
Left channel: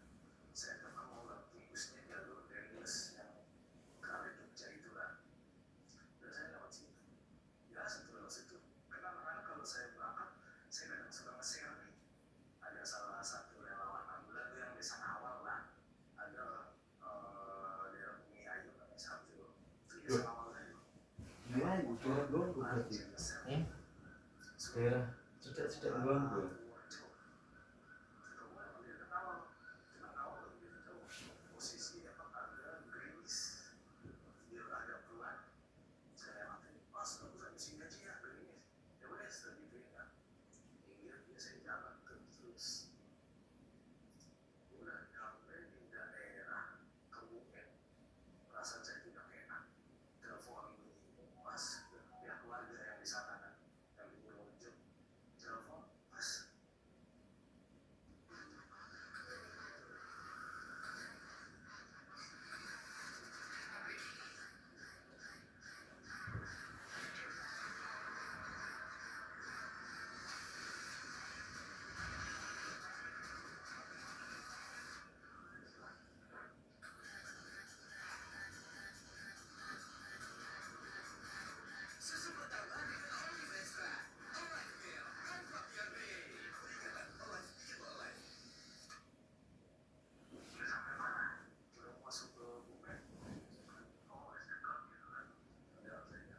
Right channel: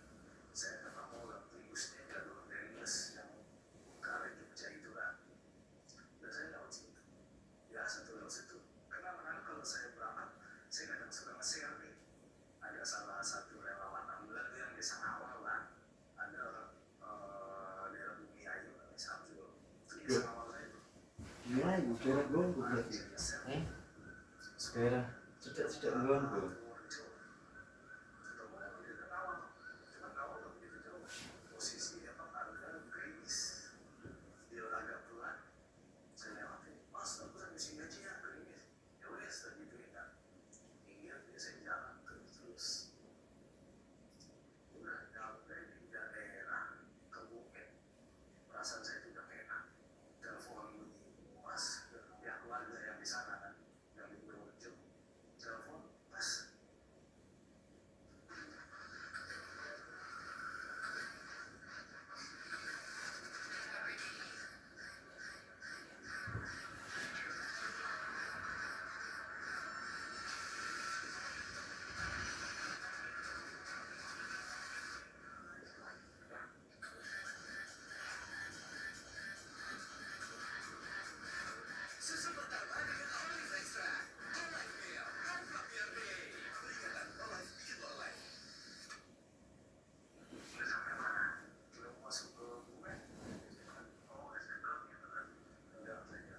Saya memang mau lewat Tribusnya jalur Delius yang ke arah Jogja itu kan. Dan saya lewat situ biasa tuh lewat situ karena anak-anak kalau saya berangkat saya kadang suka nge-share nih. Ada salah satu relawan ambulan tuh yang desa awal lah, ada daerah Bumi Ayu namanya Samsul itu desa awal saya tuh. Iya, ibu daerah Gongo berarti. Daerah cedak-cedak Gongo. Posisi apa agak gerimis, dia agak pelan. Saya lewatin, mas aku sampai sini aja ya gerimis. Ya udah setelah gitu ya, iya dia saya jalan terus. Udah sampai di daerah Kebumen, perasaan saya itu udah enak. Telepon mas, ya keluarga yang di sana kan, yang di Purworejo. Telepon, mas, udah sampai mana? Udah masuk ke Kebumen. Oh, dekat gitu kan. Udah saya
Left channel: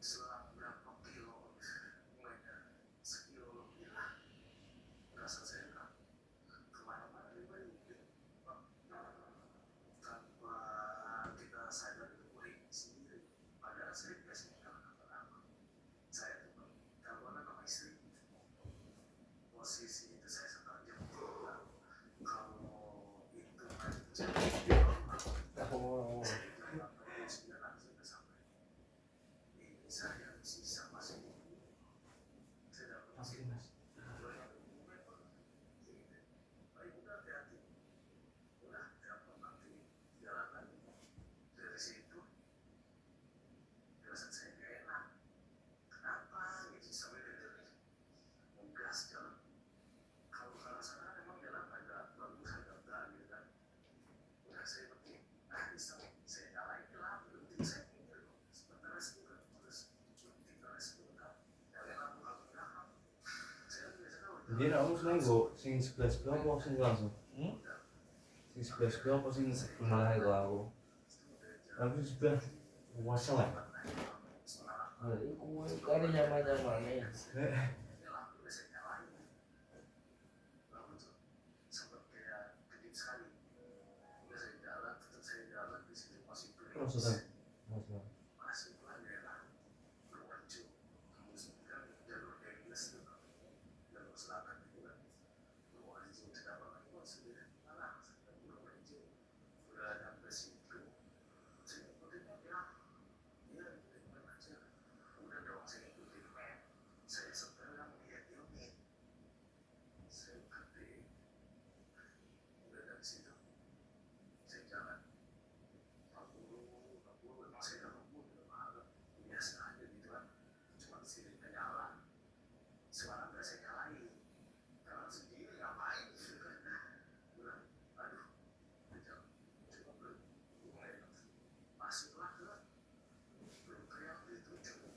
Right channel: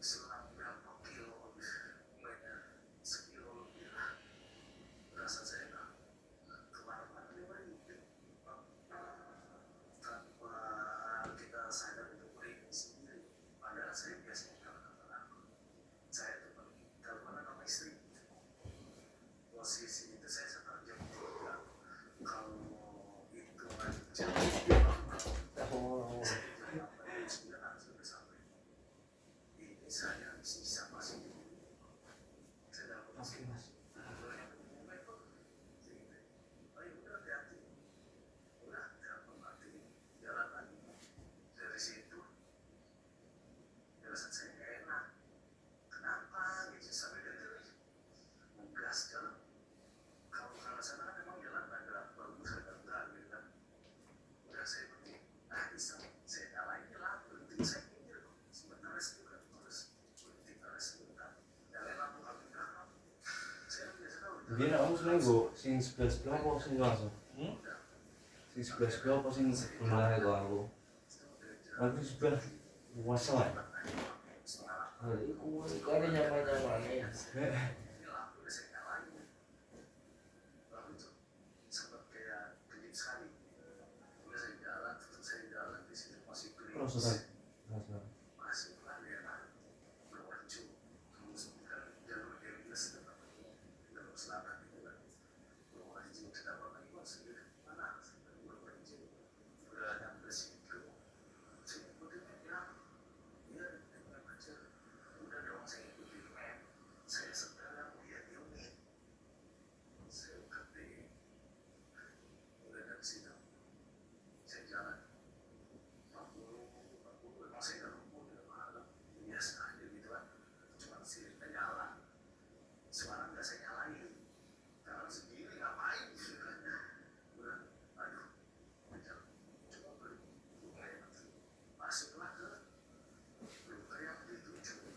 selang berapa kilo Kebumennya, sekilo lebih lah. Rasa saya nggak kemana-mana nih gitu. Tanpa kita sadar itu merinding sendiri. Padahal saya biasanya nggak kenapa-napa. Saya tuh teleponan sama istri. Posisi itu saya sekitar jam 3. Kalau hitungan jam Oh, saya jam 9 sudah sampai. Ini saya sisa masih saya dapat Oke, Mas. banyak dokumen kok. Jadi, oh ya udah hati-hati. Udah telepon mati jalan lagi. Dari situ perasaan saya nggak enak. Kenapa gitu sampai detik ngegas jalan. Kalau ke arah sana kan memang jalan agak bagus agak enggak gitu kan. Udah saya berhenti. Bisa saya nyalain lah berhenti saya pinggir kok. Sebentar rest juga terus berhenti rest dulu kan. Nyalain lampu kaki kanan. Saya biasa tahu. Jadi kamu seneng go sing sebelah apa sing langsung? Sing sebelah apa sing sebelah itu aku. Aku sebelah wasel ya. Iku kayaknya nyaman-nyaman ya. Ini lampu udah saya nyalain. Lalu tuh sempat kayak kedip sekali. Udah saya jalan di situ masih Terus gerimis. Mas. Masih pelan ya lah. siripnya nyala, suara nggak saya nyalain, jalan sendiri ngapain gitu kan? Udah, aduh, udah, cuma belum enak, masuklah ke luka yang dituju.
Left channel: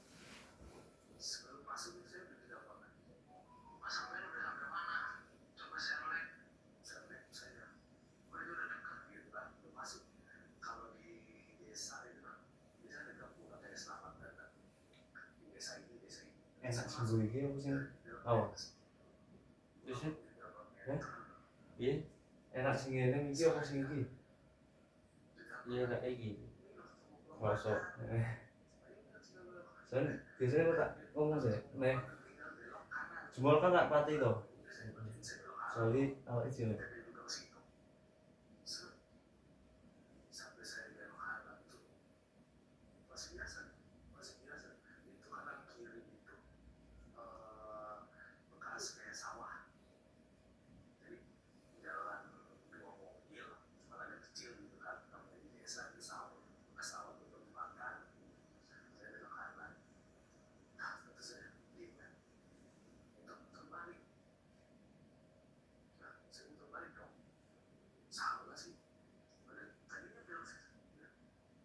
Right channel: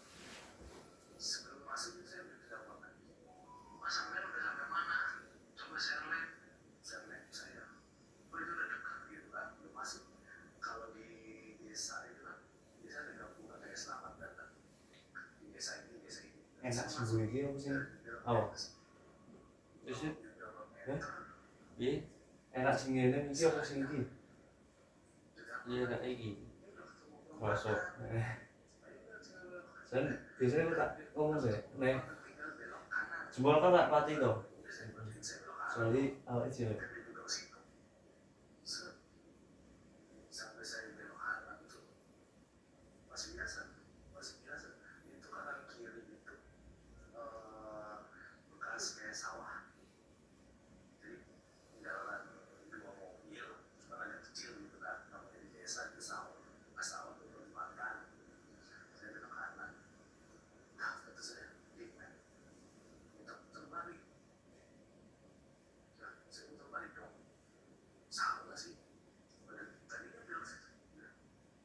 Sebelum masuk itu saya udah ditelepon, Mas sampai udah sampai mana? Coba share link saya. Oh itu udah dekat gitu kan, udah masuk. Kalau di desa itu kan, biasa ada gabungan kayak selamat datang. Di desa ini. Enak sih gue iki apa sih? Oh, terus ya? Iya, enak sih ngene iki apa sih iki? Iya kayak iki. Masuk. Sen biasanya kok tak ngomong deh, nek jempol kan tak pati to. Soalnya awake dhewe. Sampai saya belok kanan tuh masih biasa itu kanan kiri itu bekas kayak sawah, jadi jalan dua mobil cuma agak kecil gitu kan, namanya di desa itu sawah, bekas sawah itu makan. Saya belok kanan, nah itu saya dingin muter balik, nah saya muter balik dong, salah sih. Tadinya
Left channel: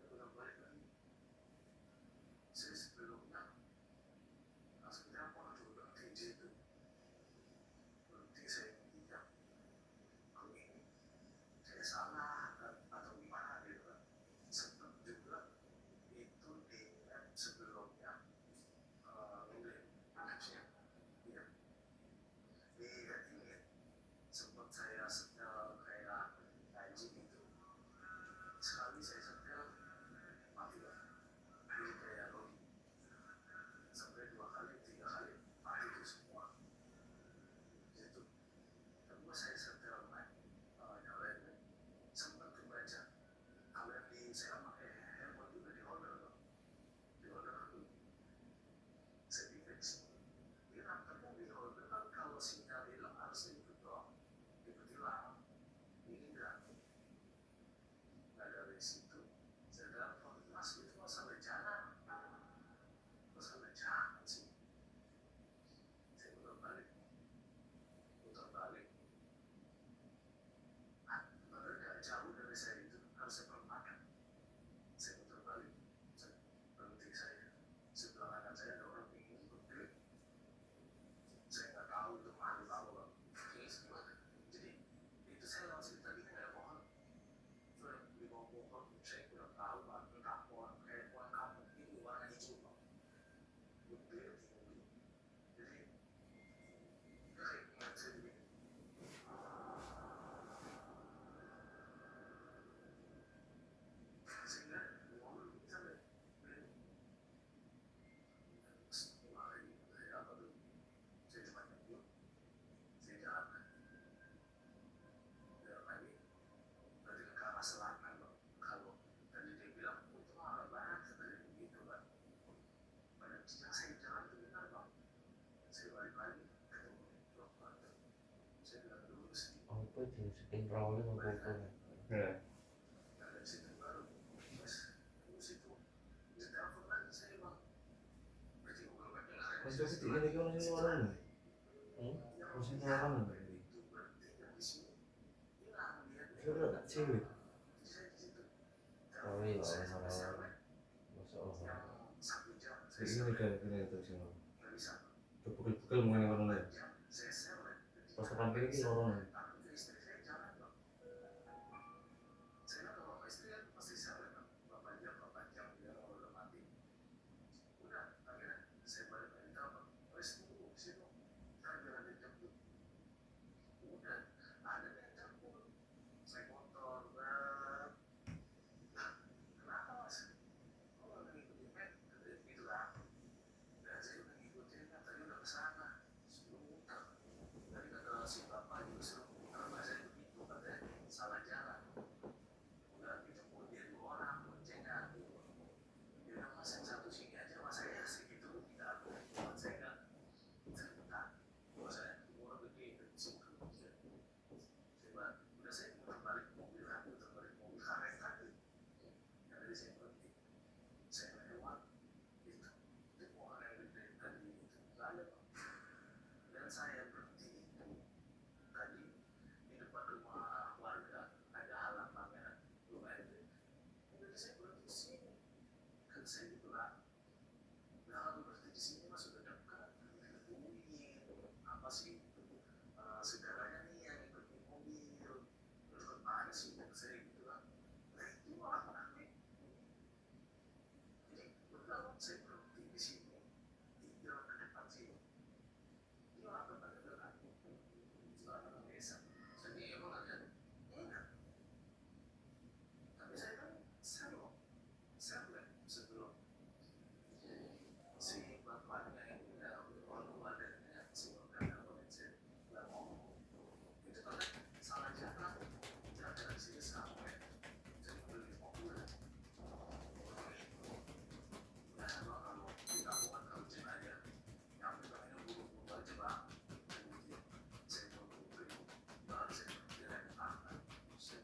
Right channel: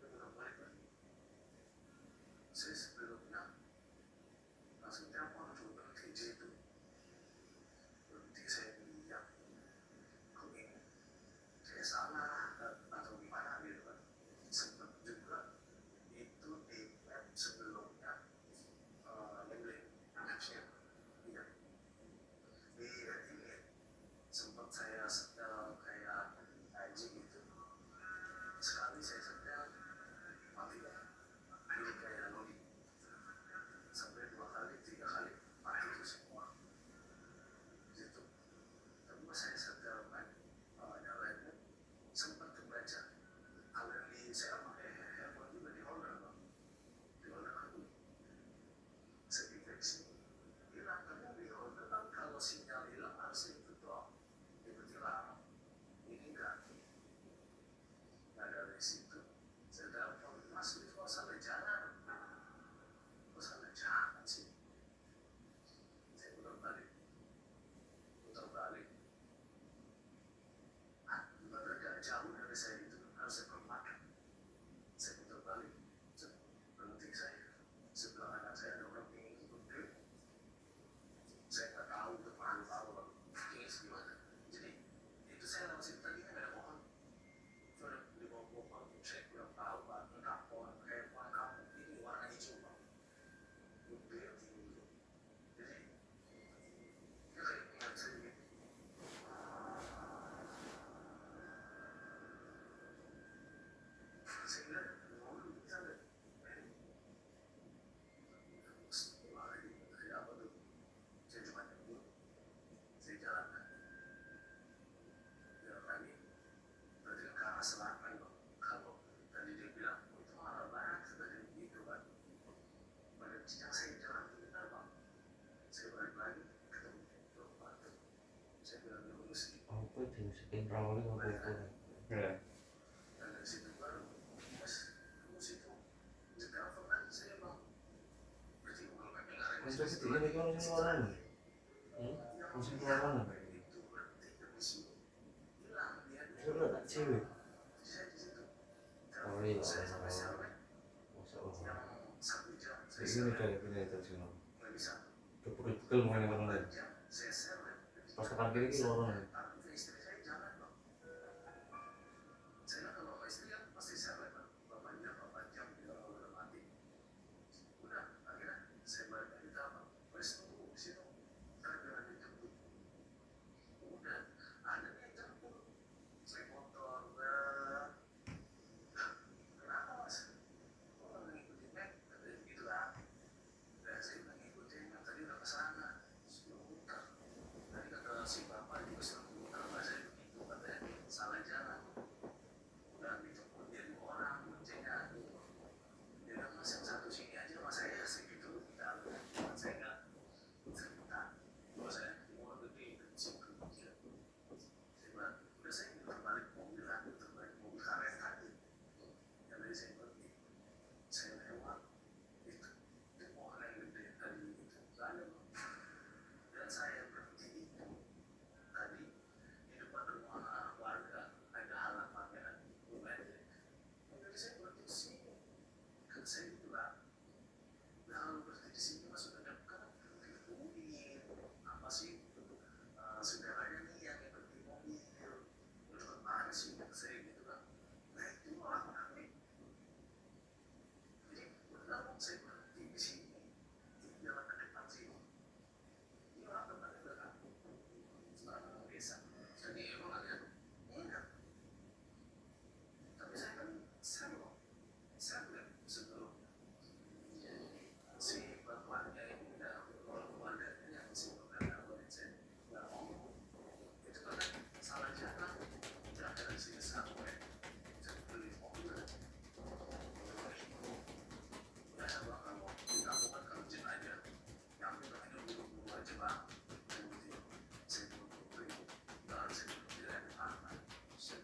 belok balik lagi. Saya sebelumnya langsung telepon tuh bang TJ itu, berhenti saya diam, kok ini kayak salah atau gimana gitu kan. Sempet juga itu di map sebelumnya ngeblank mapsnya, iya di ini sempet saya setel kayak anjing gitu, sekali saya setel mati lah, ini kayak login sampai 2 kali 3 kali mati itu semua gitu. Tapi pas saya setel nyalainnya sempat kebaca kalau yang di saya pakai handphone juga di holder bang, di holder aku saya pikir sih hilang, tapi di holder kan kalau sinyal hilang harusnya itu dong, itu hilang, ini enggak. Nah dari situ saya telepon, mas itu masalah jalan sih. Saya putar balik, bener gak jauh dari saya itu harusnya perempatan. Saya putar balik, berhenti saya, sebelah kanan saya ada orang ingin ikut trip. Saya nggak tahu itu malu tahu loh ini gimana. Jadi itu saya lewat situ tadi kan nggak ada pohon, cuma di bawah pohon saya kurang tahu pak, entah pohon kayak pohon kampung ini warna hijau pak, gede tinggi. Jadi ya kayak ingat saya begini, saya bilang mobil bisa nggak saya apa tuh, saya cuma nyebut, saya jalan lagi, berarti kan ke arah selatan loh. Kalau tadi dia bilang oh, itu arah barat, tadi begitu kan, pada yang saya jalan itu benar bang, saya balik lagi ketemu blok batu, saya bilang dulu sih Apa itu saking rolling apa itu? Ya. dan dari situ baru mas terus itu telepon lagi saya bang, berarti Google Map-nya nggak ada Wis wis iki iki ono sing luaran. Ono sing luaran. itu berarti yang di sini hilang dia. Terus tak cewek. Saya di situ Oh iya, saya sampai orang sampai masuk Allah. yang 1 jam saya Iki sampai kayak gini itu sing. nggak bisa, Kepukul mau yang mana? 4 jam saya sampai Pas tekan kiri iki luaran. tapi ke istri saya jangan bang, saya bilang kalau sama istri kan pasti sampai bang, 4 jam dia udah mati. Udah akhirnya saya balik lagi ke abang, wes tunggu di situ ntar biar ada yang jemput. Udah ada yang jemput, saya motor kenapa mas, kok nggak ngikutin Mac, katanya gitu lah. Dan saya udah ngikutin yang tadi udah kesana, sebelum muter. Tadi kata si bapak juga suruh masih saudaranya nih yang ikut di mobil, terus kemana sih saya gitu kan, nah itu orang aneh. Jadi benar saya berhenti di sini di jalan ke depan sini, ini orang depan juga kan orang desa, jadi emang ada enggak, tapi saya kan saya bilang sebelum si bapaknya ini udah keluarganya si bapaknya saya nggak ngomong itu kan salah jalan udah dari sini sampai saya beli mobil udah bang kalau di kamu kan kamu cek aja yang itu hanya dulu aja bang saya mau beli dan saya beli anak saya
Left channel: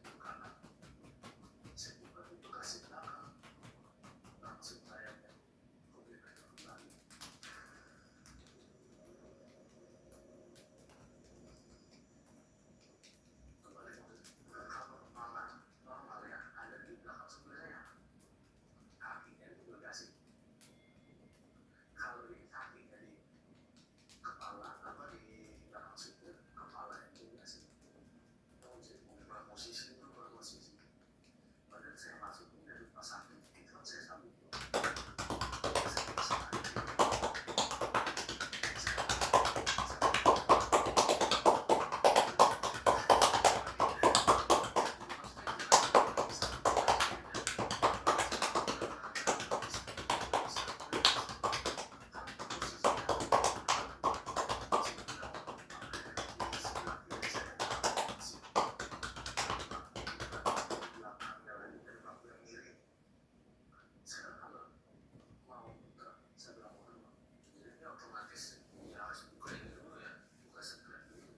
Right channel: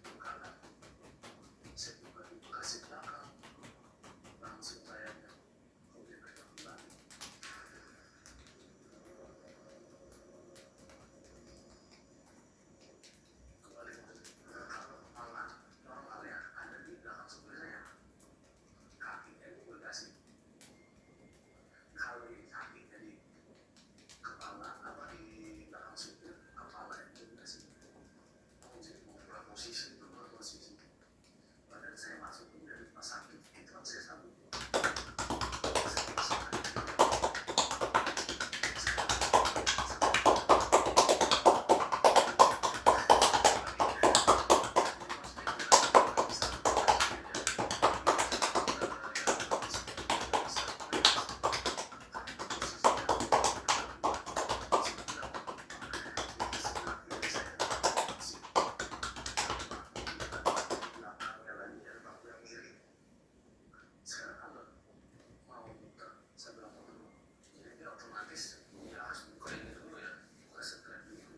buka itu kasih belakang langsung saya oke pegang kembali kalau malah normal ya ada di belakang sebelah saya kakinya itu dikasih kalau di kakinya di kepala apa di belakang situ kepala itu dikasih jadi mengubah posisi itu berubah posisi padahal saya masukin dari rumah sakit itu kan saya sambut sekarang kalau mau buka saya bilang jadi ini otomatis ya harus buka ini dulu ya buka setelah dulu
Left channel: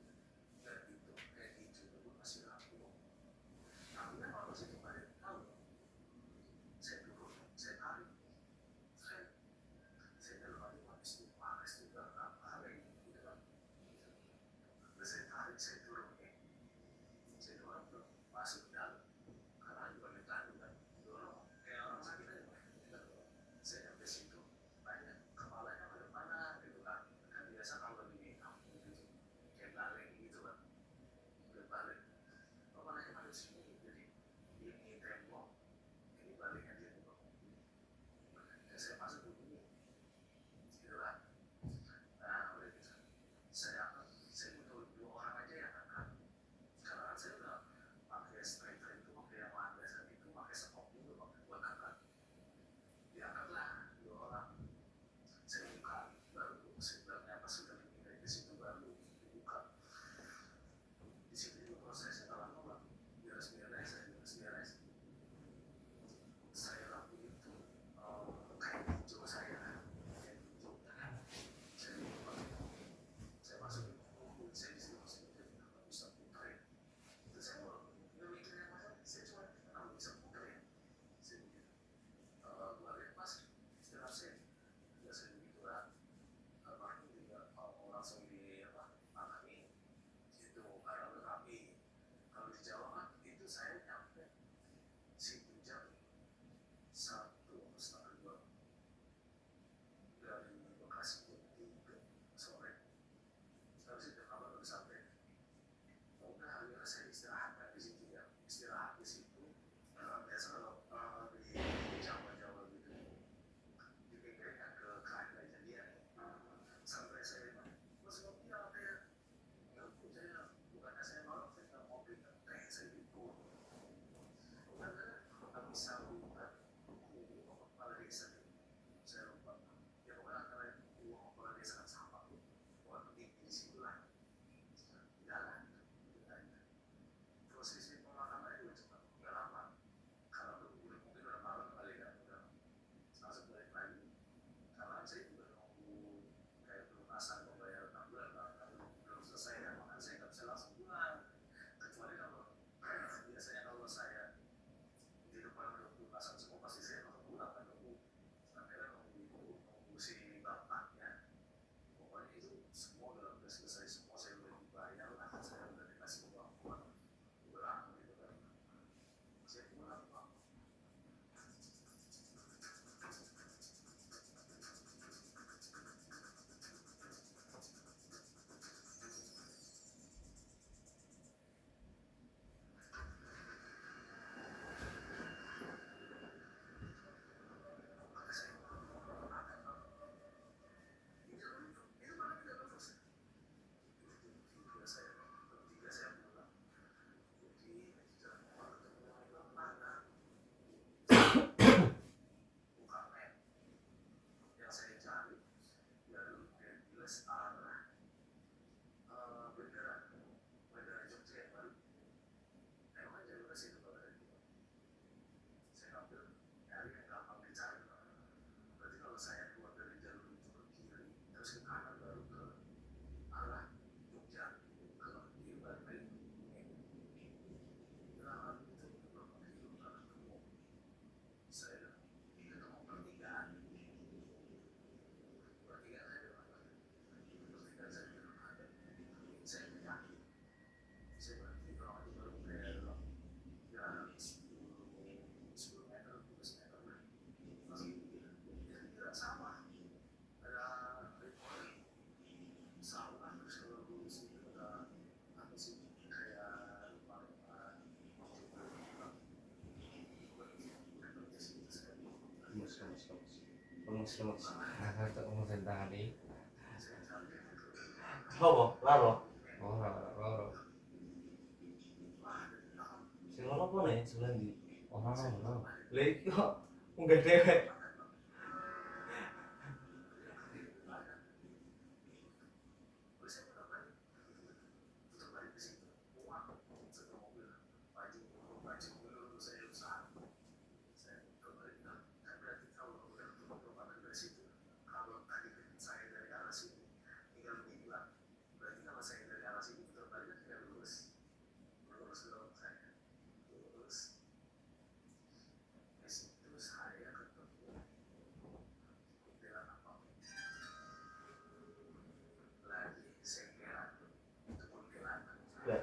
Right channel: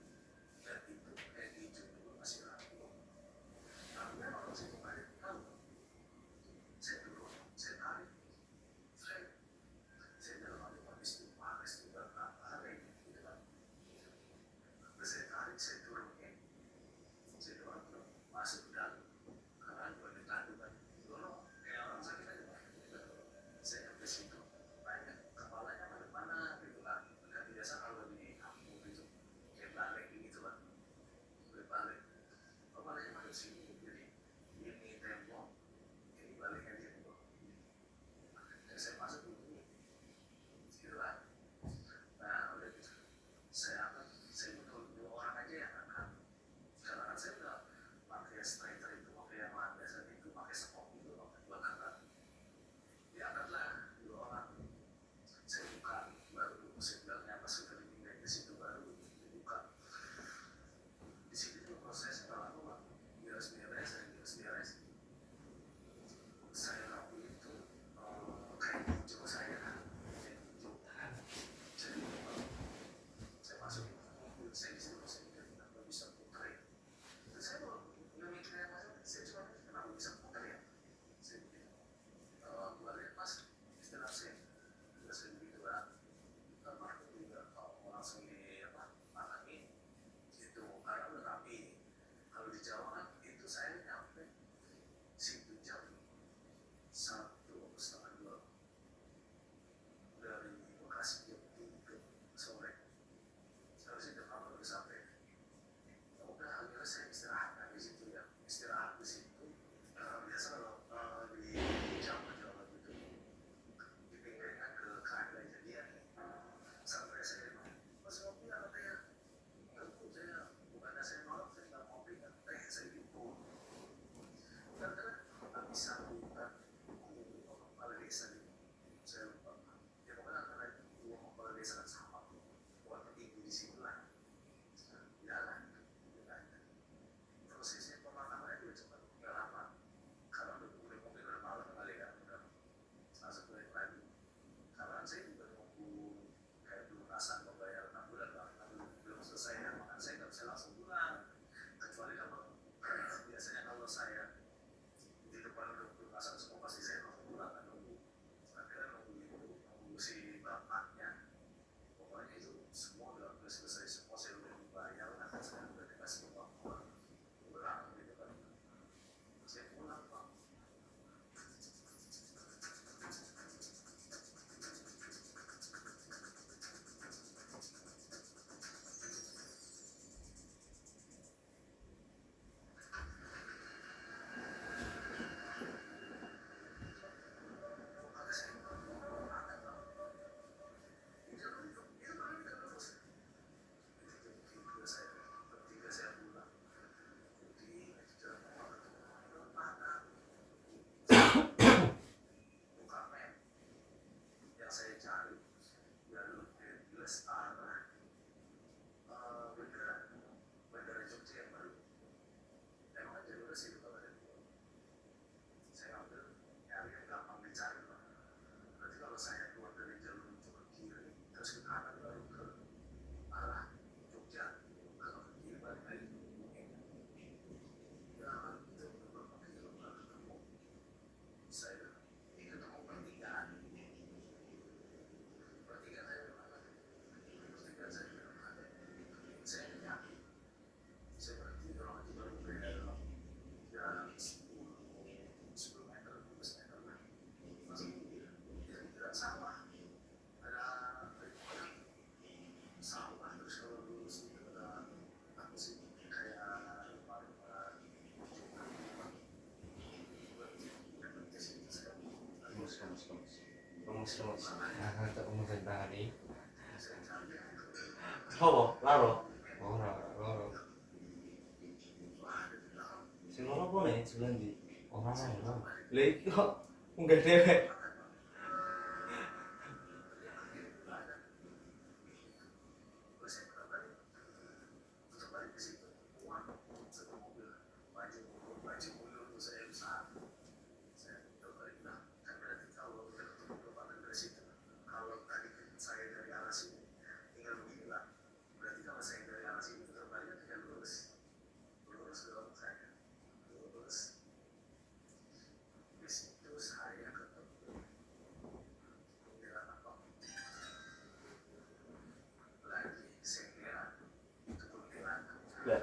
biar itu kayak hijau dulu masih rapi tapi memang masih dibalik tahu saya dulu saya tarik saya dalam hati habis itu juga tarik gitu kan terus saya tarik saya turunin saya dorong masuk ke dalam karena juga ditanduk kan dorong kayak orang sakit aja Pak. Saya sampai situ banyak kepalanya pada mana gitu kan biasa kalau di kampung gitu kayak balik gitu kan balik kepalanya pada sini jadi ini tembok ini baliknya dia tembok saya masuk di sini gitu kan nah udah gitu saya butuh 2 orang aja yang angkat karena kan saya udah pakai striker itu pakai yang landasan itu pakai sekop itu pakai buat angkat diangkatlah 2 orang saya buka baru saya bilangnya pas sudah dipindah di situ baru dibuka di situ juga proses lama bang beres saya laku itu kayak hijau saya kayak hijau jadi saya masukin mobil saya di situ saya mikir kenapa bisa putar ya terus saya nggak mikirnya masalah saya cuma mikir kenapa bisa putar ya saya mikir gue lihat mas istilah saya begitu lah almarhum juga mau langsung di apa makami itu karena udah rapi kalau di Jawa kan itu saya nyampe situ jam 1:30 dari Bekasi jam 3 sore harus itu kalau baru sampai udah akhirnya saya istirahat di situ ya istirahat di situ biasa kalau di Jawa gitu dipinggirkan ke keadilan jadian sampai saya masih ngopi apa teh enggak bu saya bukannya saya nolak saya nggak ngopi kan teh saya gitu dan habis sambutan di kepala desa saya lupa ya pokoknya karena itu kepala desa kan sama buat petinggi di situ lah jalan prosesnya pemakamannya juga cepat nggak lama karena udah mungkin udah malam kali kan udah langsung balik lagi karena saya juga nunggu kayak pelunasan pembayaran 6 bulan bang tapi belum selesai ya makanya saya nggak bisa langsung pulang kecuali kalau biasanya kalau saya di depan udah pelunasan semua pasti saya langsung pulang kan nunggu akhirnya nunggu si bapaknya pokoknya itu semua udah selesai semua saya udah dibayar lah saya udah dikasih uang kurang gitu kan saya pulang bang lemes-lemes. Untuk kemudian tadi. Apa? Laro. Oh, loro. Sing loro apa nih sebelah ndi? Orang loro. Lah iki kok munggah dhewek. Ya.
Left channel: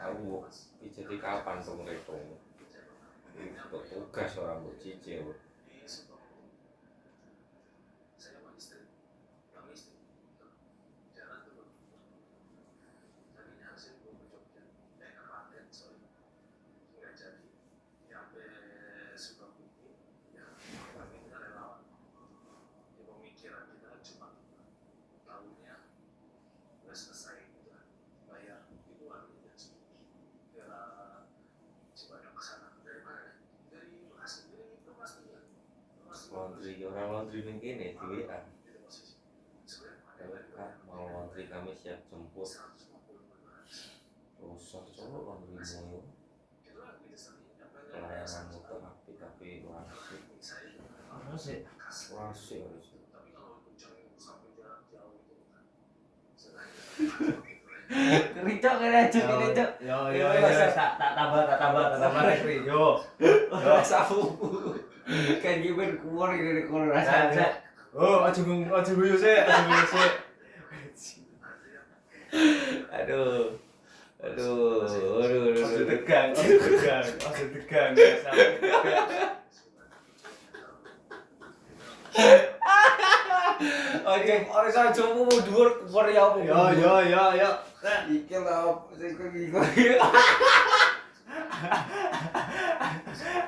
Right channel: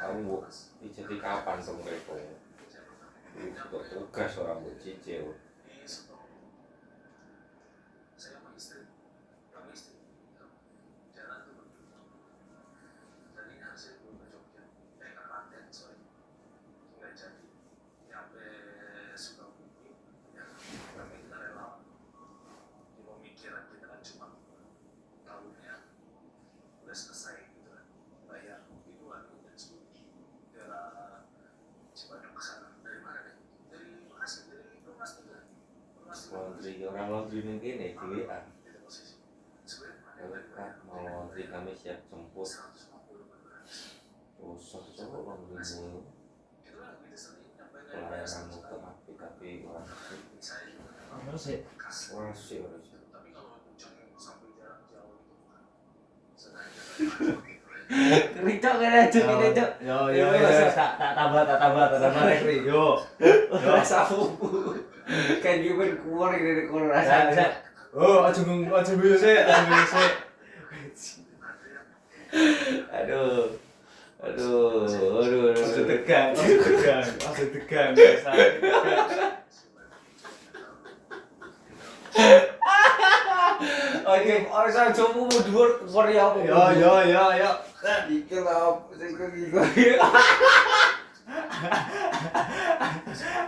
Aku jadi kapan tuh mereka? Untuk tugas orang buat cicil. Pemikiran kita kan cuma tahunnya udah selesai gitu kan. laundry orang laundry ning kene di WA. Kak mau laundry kami siap jemput. Usah cowok laundry ini. Pelayanan untuk api tapi orang sih. Apa sih? Orang sih. Kericok kene aja kene, Cuk. Yo, tak tambah rekri. Yo. Rasa fufu. Kan gimana keluar dari keluar rasa. Oh, aja guyu sik, Aduh. Aja tegang. Oke, coba mau dhuwur Korea apa? Yo. Iki lah, iki.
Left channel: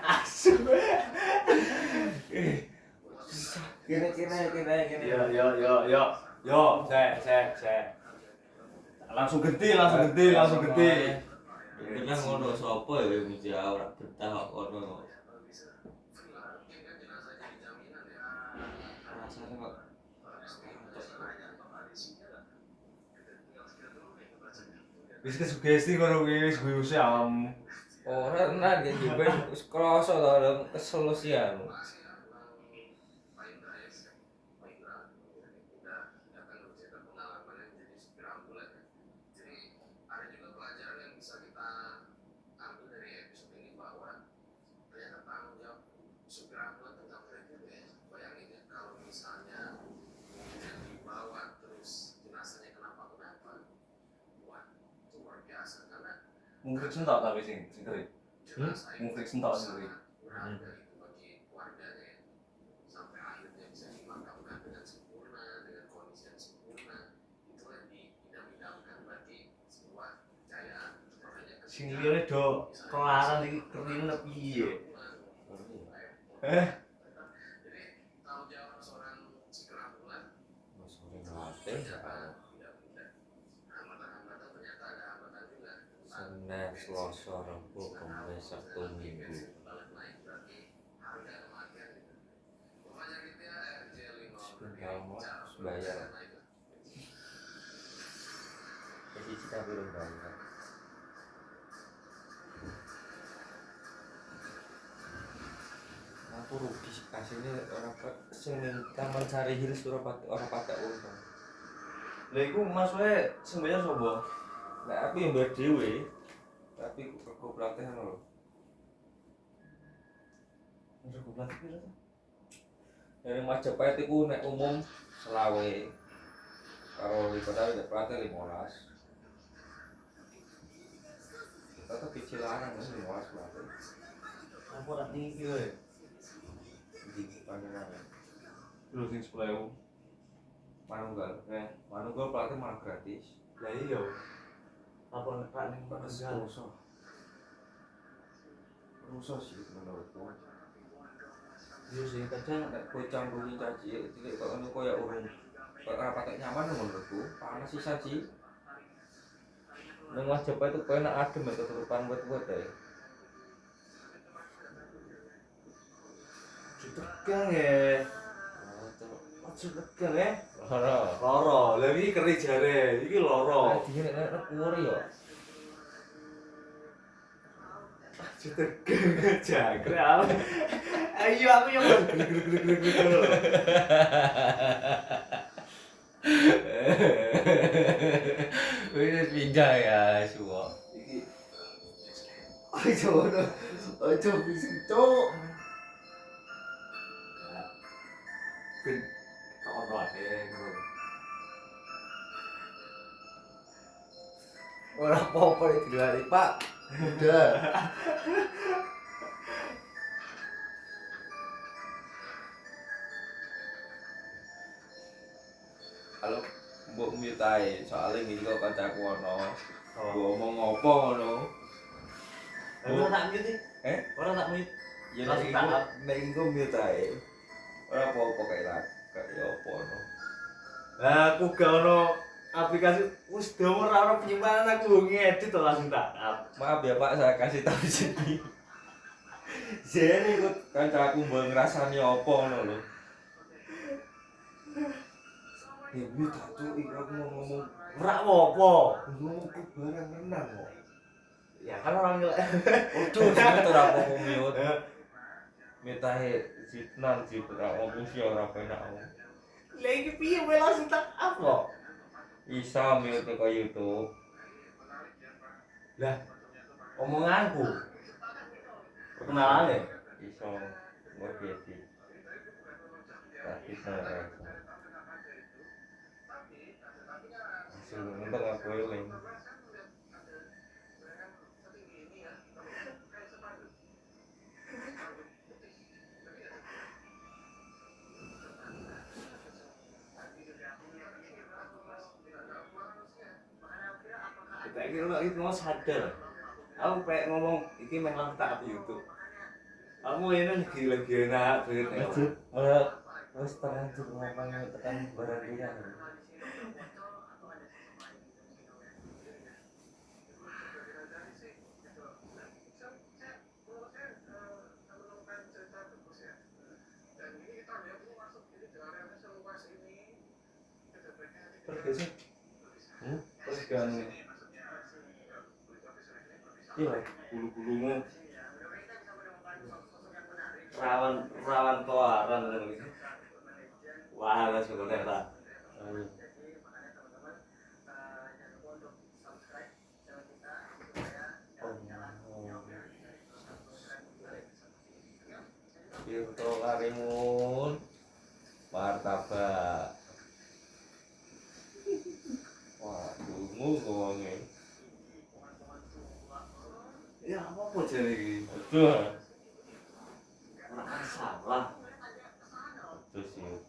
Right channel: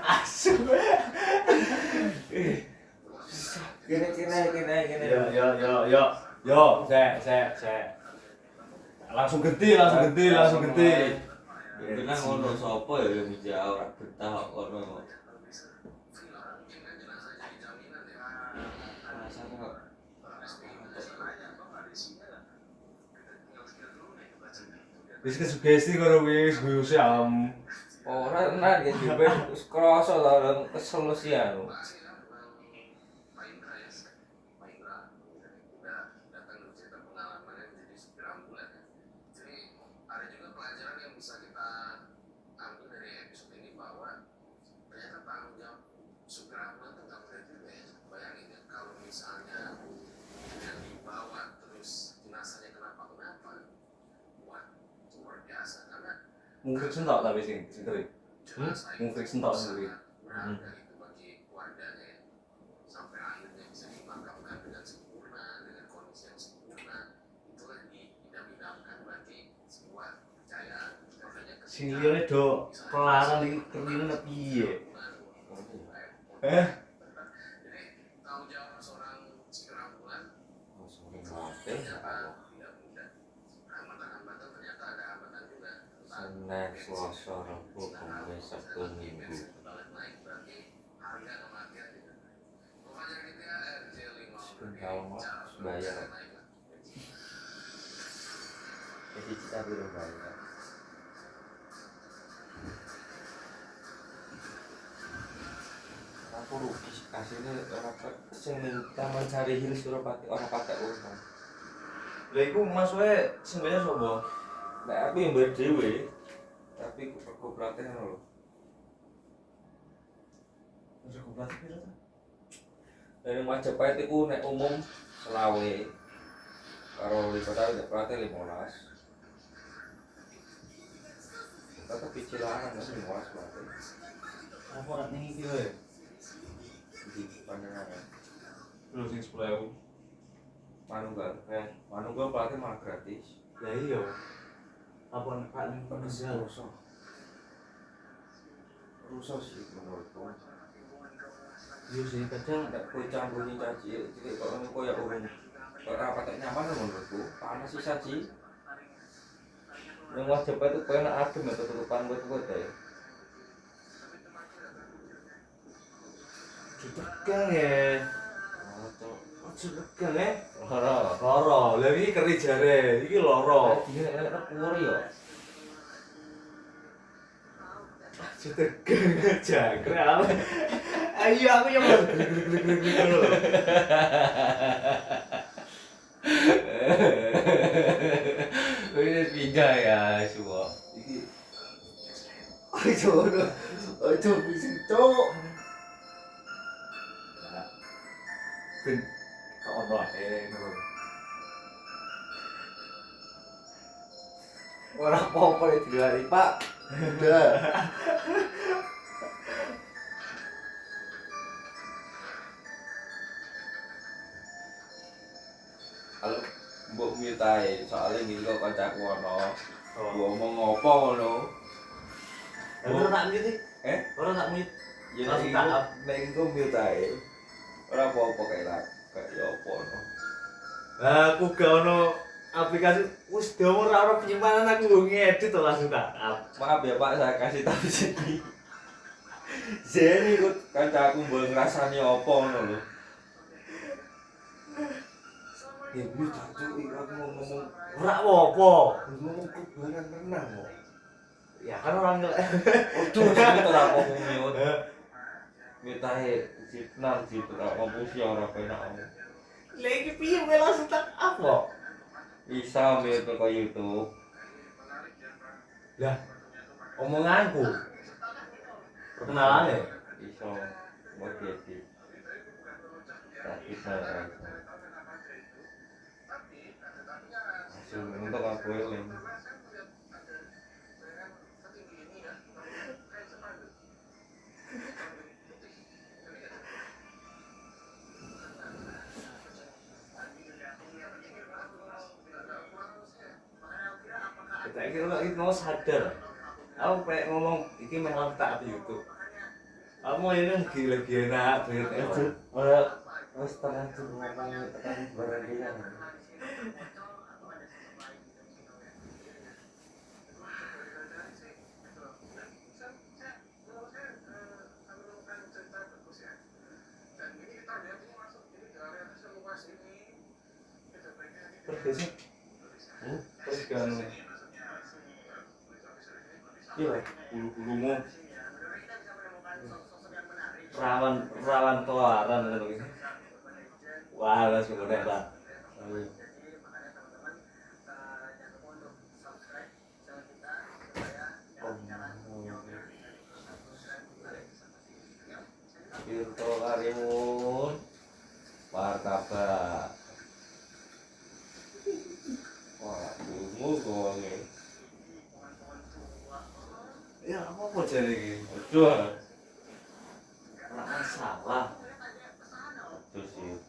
Asu. Kene. Yo, saya. Langsung gede. Bener ngono sapa ya yang jawab betah ono. Rasane kok Wis kesugesti ngono kuwi wis guyu siam. ora enak ya juga wis krasa ta keselesian. Mungkin sentok tapi sing keri. Mungkin sentok sendiri. Sing liyane do kelarang iki kerine piye? Senin, Selasa, Rabu, Kamis, Sabtu, Minggu. Sebentar mau bayar. Jadi kita belum bayar. Aku rugi kasihnya orang sing Taman Sari Hills Surabaya orang pakai uang. Lha iku masuke sing bayar sapa? Nah, aku yang bayar dhewe. Tapi aku pelatih lho. Wis aku pelatih piro ta? Dari Majapahit itu nek umum selawe. Karo Lipotan nek pelatih 15. Tetep picilaran 15 pelatih. Apa ora ning iki wae? Di pandangan. Lho sing 10.000. Manunggal pelatih malah gratis. Lah iya. Apa nek Pak ning Penunggal? Rusak sih menurutku. Yo sing kadang Nek kowe campuri caci cilik kok ngono koyo urung kok ora patek nyaman menurutku. Panas sisa sih. Yang Majapahit itu koyo nek adem ya tutupan buat ya. tegang ya. Oh, cok. Aja tegang ya. Ora. Loro, lha iki keri jare, iki loro. Dene nek kuwur ya. Aja tegang jangkrik ale. Ayo aku yang glek. Wis pindah ya semua. Iki aja bising cok. Ben kok ono ae ngono. Ora apa-apa ya dilari, Pak. Udah. Kalau mbok mitae soalnya iki kok kancaku ono. Mbok ngomong ngopo ngono. Ora tak mute. Ora tak mute. Ya Langsung nek tahap. nek engko mitae. Ora apa-apa kae lah. Kayak apa no. Aku gak ono aplikasi wis domo ora ono penyimpanan aku ngedit to langsung tak up. Maaf ya Pak, saya kasih tahu sini. Zen ikut kancaku mbok ngrasani apa ngono lho. Ibu tak aku mau ngomong Ora apa-apa. ngomong barang renang kok. Ya kan orang Ojo sing ora ngomong miut. Mitahe jitnan jitu tak ngomong sih ora penak. lagi piye kowe langsung tak up kok. Isa miut ke YouTube. Lah omonganku. Perkenalan Iso mau diedit. Tapi saya hasil untuk aku eling. kita kira itu mau sadar. Aku pengen ngomong iki meh langsung tak up YouTube. Kamu ini lagi enak banget ya. Wis terlanjur ngomong tekan berhentian. Terus sih. Terus kan iya, bulu-bulumu rawan telaran gitu. Wah, langsung udah lah. Tirto Karimun Martabak. Wah, dungu gonge. Ya apa jadi ini? Ojo. Nggak masalah. Ojo sih.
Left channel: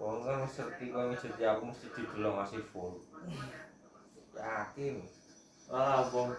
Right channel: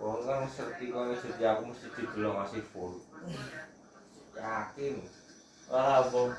Wong kan serti kok jadi aku mesti didelok masih full. Yakin. Wah, bom.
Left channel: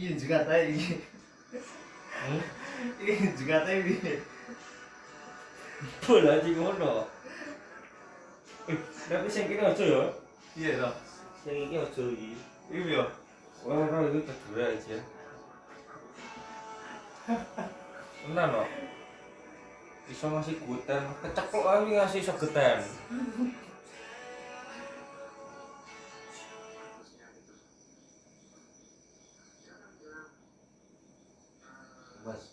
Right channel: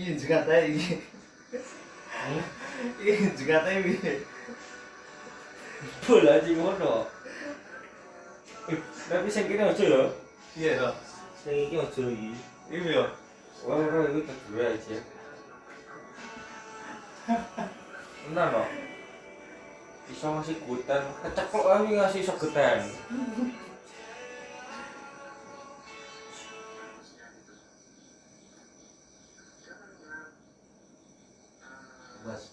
Iya jengate iki. Iki jengate piye? Bola aja ngono. Tapi sing kene aja ya. Iya toh. Sing iki aja iki. Iki yo. Ora iki kedua aja. Benar no. Bisa ngasih guten, keceklok aja ngasih segetan. Mas.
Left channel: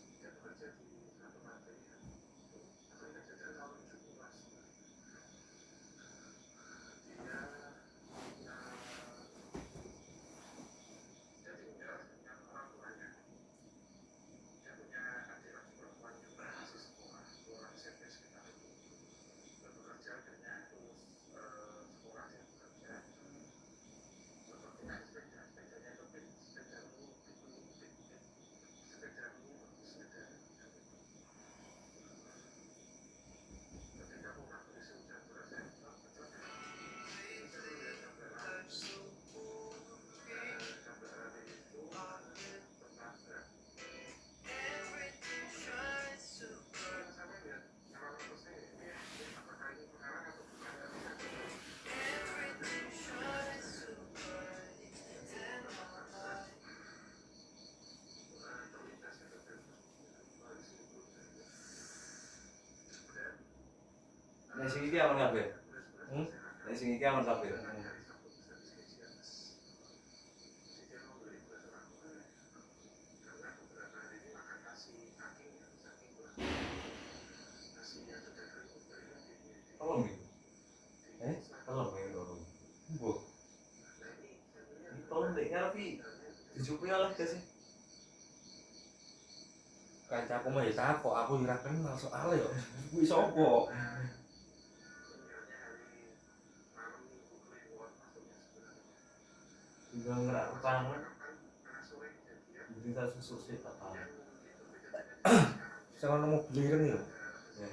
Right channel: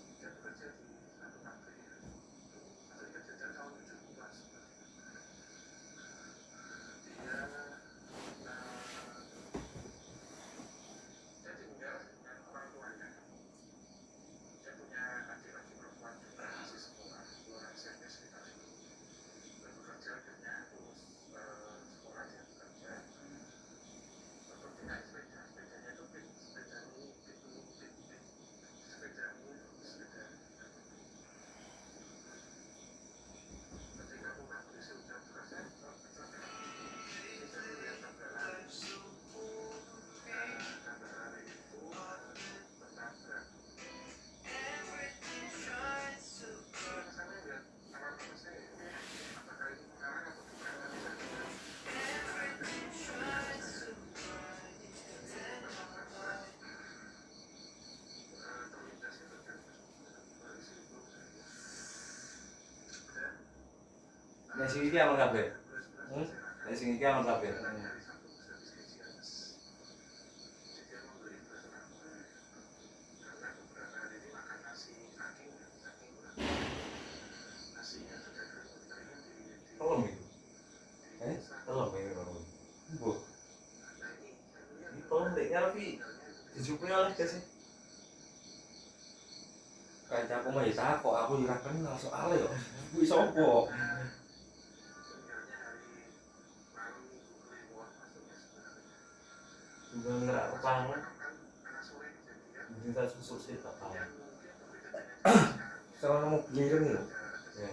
Nek sing iki aman kabeh. Nek sing iki aman kabeh. Tolong iki. Tolong iki tolong. Mbok, Iki tolong ndek ngarep iki. Dijupuhi oleh gak sih? kancaku mah ya takok, aku ora kenal soalnya yo. Kuwi sapa? Juga ngerak kepangan. Jadi tak susuk sih tak tahu. Sono mau beli lho. Ya.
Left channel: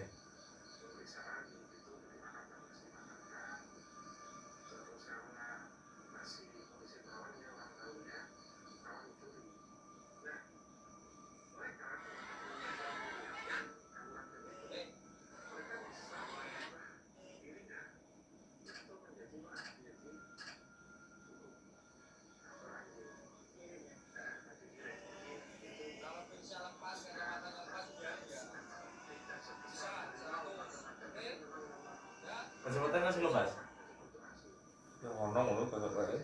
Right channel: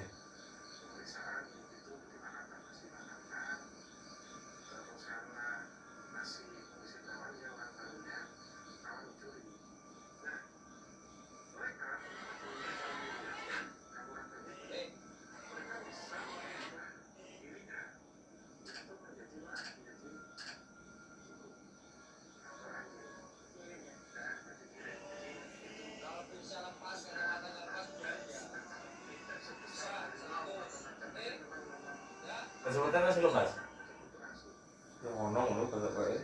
Kesempatan masih lo mas. Ya ngono kaya wae.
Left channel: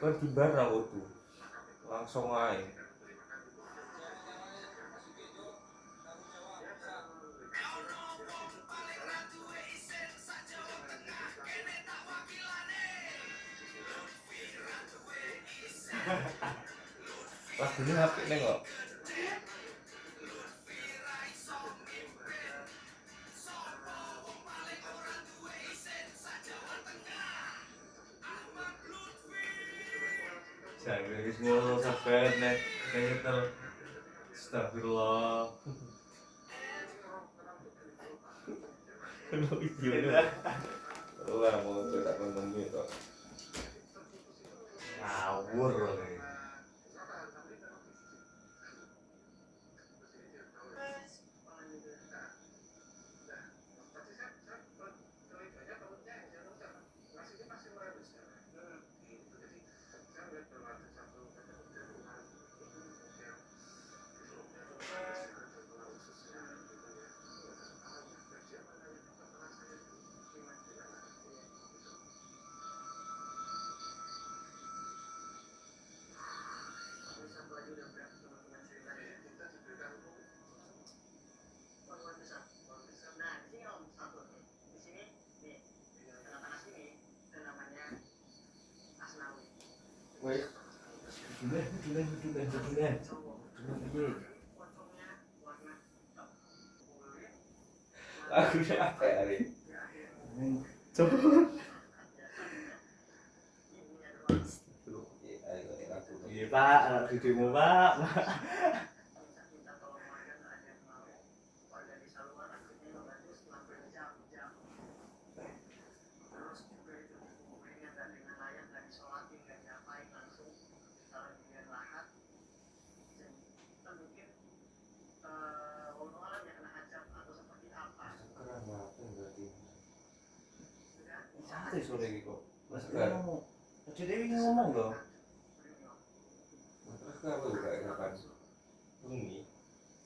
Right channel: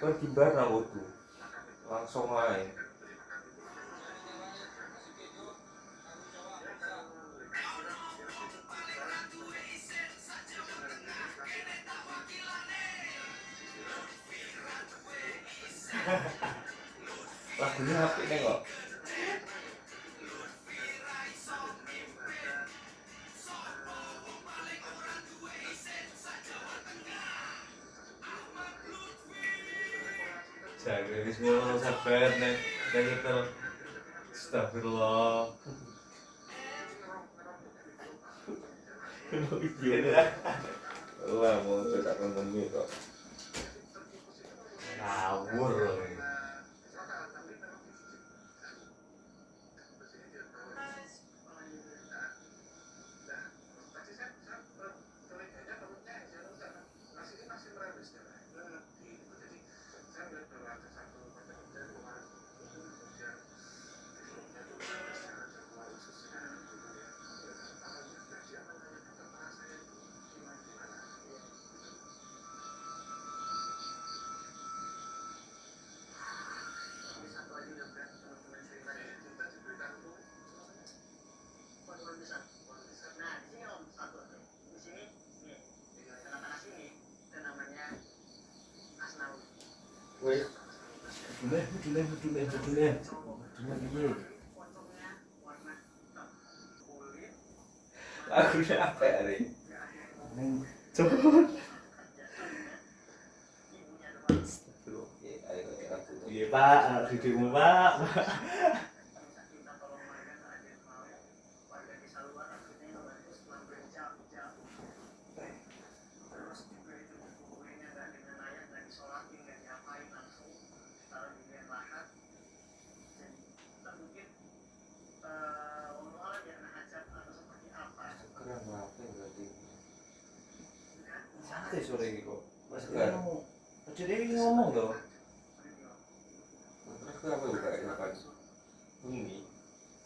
Kan tibar nang kudu. Langsung ae. Lagunya apik nih kok. Jaga ini semua sabar nih. Kita astagfirullah. Kenapa video? Wah, mau cetak konten kok. Ngawur nih. Wih, Budune. lagunya apa ya, Ri? Coba. Iya Pak, anak cucumu Pak. Mati sore iki kok. Mas Tegar. Jadi ini ngomong loh. Terus kenapa buka kapan? Bengi.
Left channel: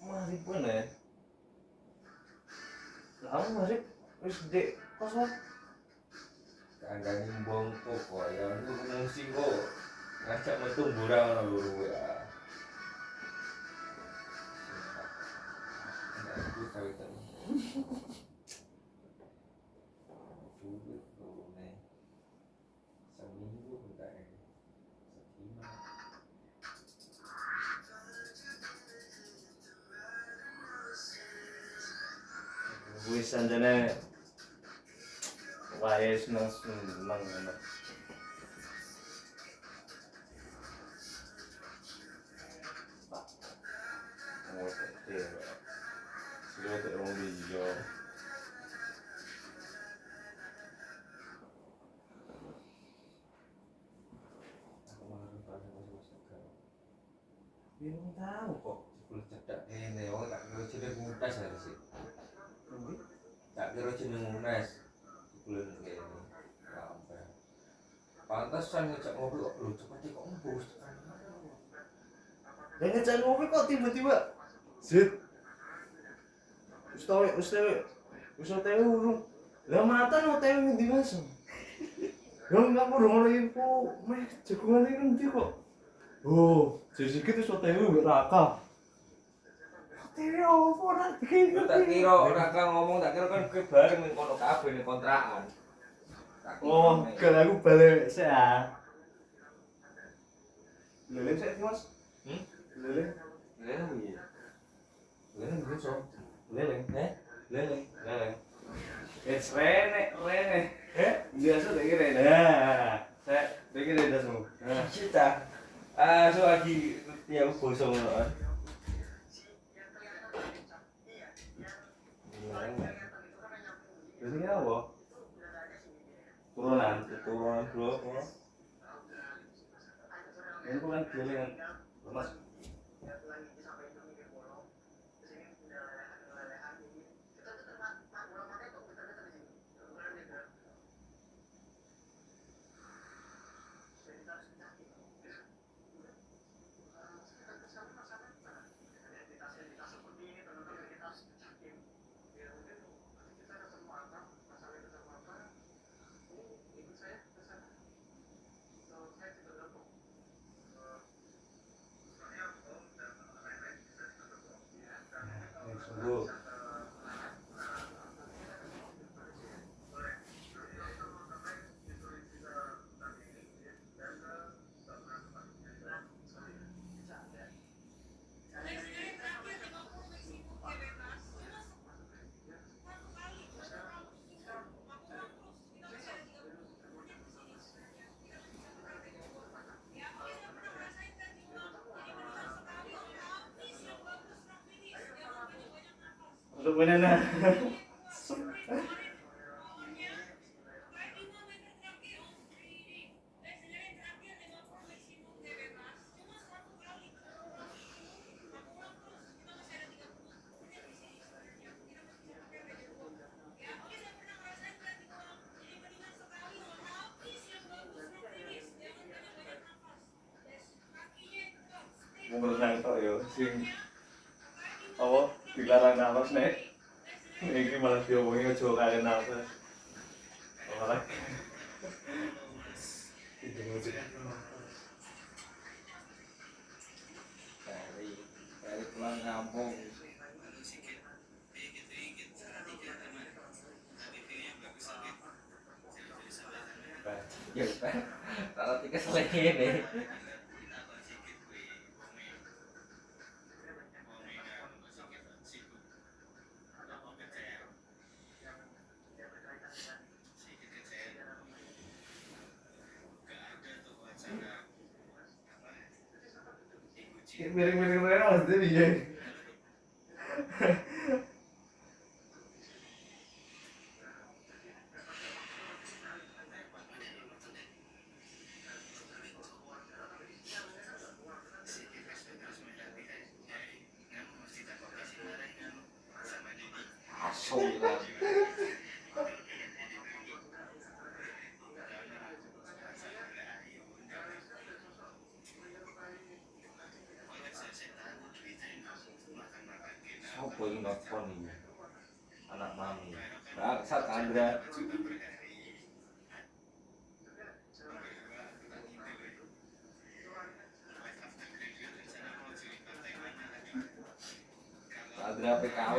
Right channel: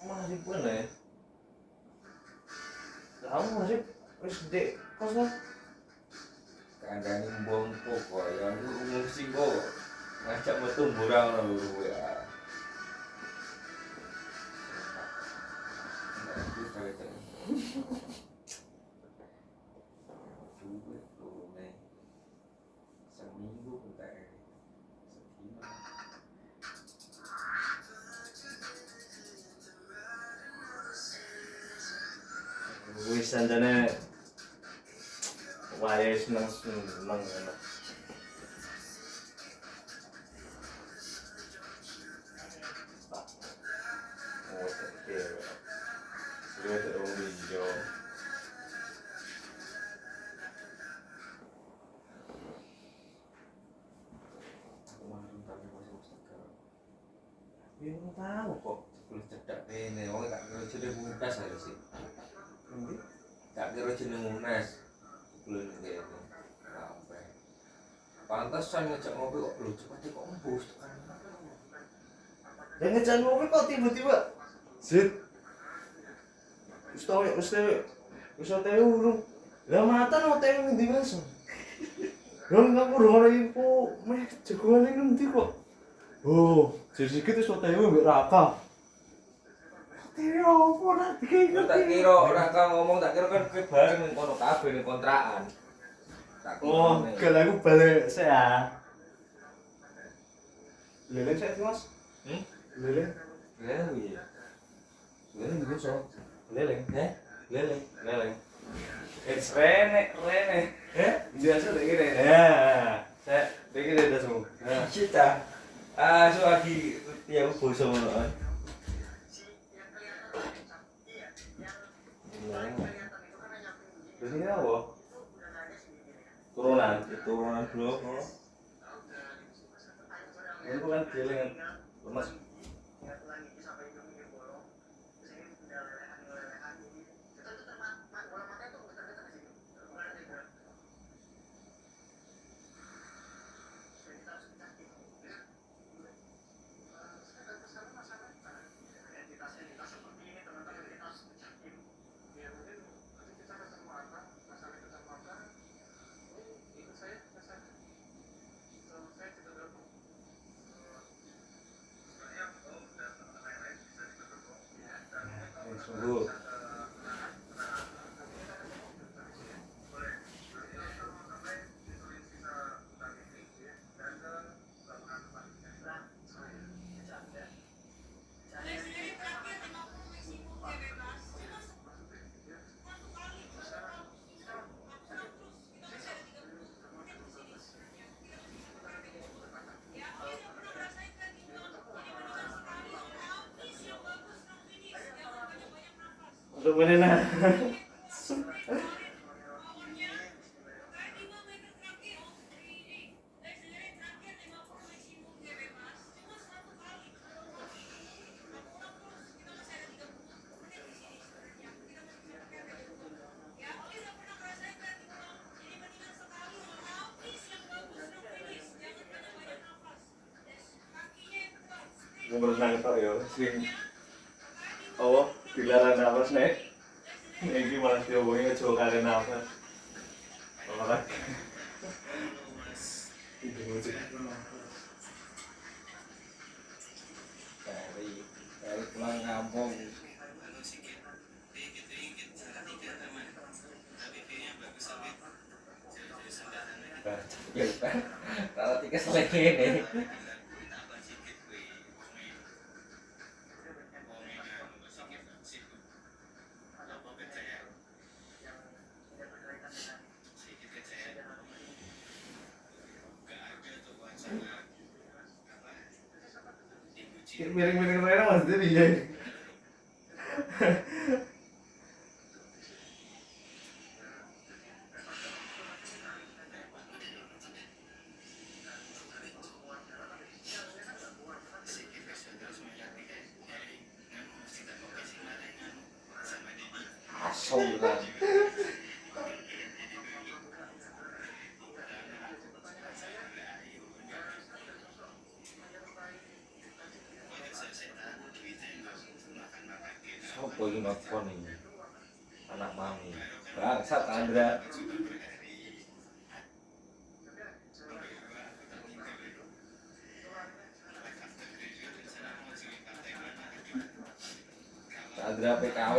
Masih pun ya. Lah masih wis gede kos lah. Kandang bongko kok yang ngungsi kok. Ngajak metu murah ngono lho ya. Enggak itu cerita. Duit lune. Seminggu enggak ini. Sedina. Wis sanjane wae seneng ngono. Oh, iya. Sudah ada wong liya. Aku marun tapi masih Tegar. Ya ora tahu kok. Kulit cedak rene, wong gak kira jeneng Munas ae sih. Endi? Gak kira jeneng Munas. Kulit ngene. Sampai. Pantesan ngejak mobil kok lu cepet kok embus tekan. Yang ngejak mobil kok tiba-tiba zit. Wis tau urung. Lah mata no tau ngendi Mas? Wong kamu ngono info meh jagoan iki ngendi kok? Oh, jadi gitu wis tau mbek Raka. Teo opo nak Tak kira ora kang ngomong tak kira kan kowe bareng ning kono kabeh ning kontrakan. Tak kira. Oh, kalau aku balik saya. Leleng saya sih Mas. Leleng. Lha piye? Leleng gitu. Leleng, leleng, leleng. It's Rene. Biasa deh gini. Nah, saya begini dah semua. Nah, Cita. Ah, so lagi ya aku boso ngono. ini apa? Turunan. Turunan blok. Ini bukan leleng. Mas. Sungguh. Untuk menena. Mau berenang tok ya sing apa dilarang nafas nek. Iki malah diomongi aja kalian nafas. Olahraga. Dari pulang kampung. Ya, Pak. Kalau tiga selesai ini. Miring-miring Rena maksudnya dia. Asal lah. Apa ini nelfon ini? Anak mami. Bangsat Andra. Andra PKW.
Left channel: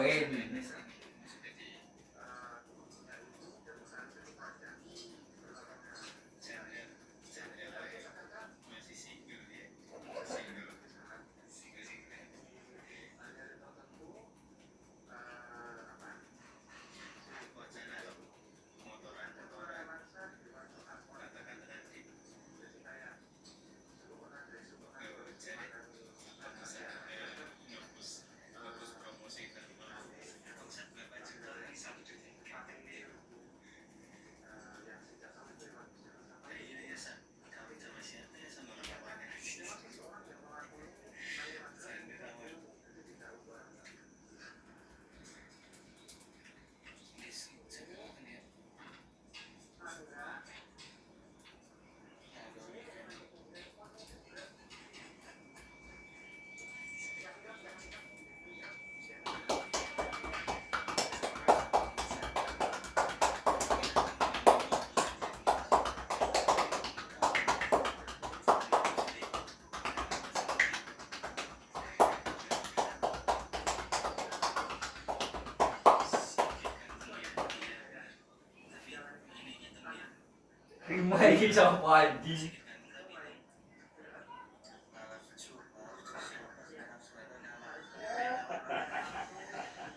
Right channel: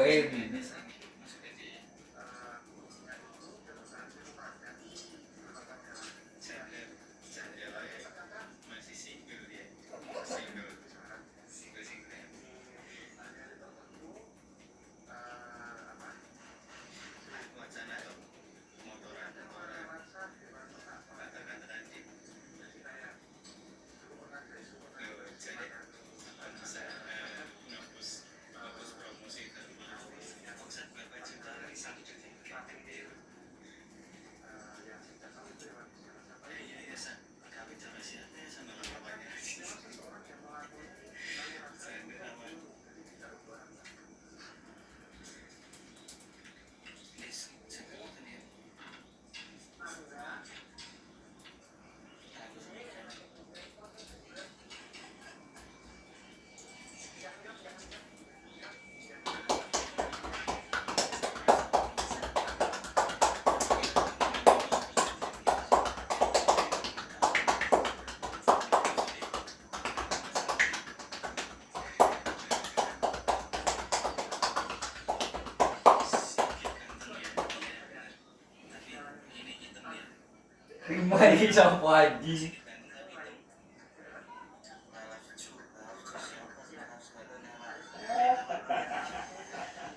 Rima iki sapa anjing?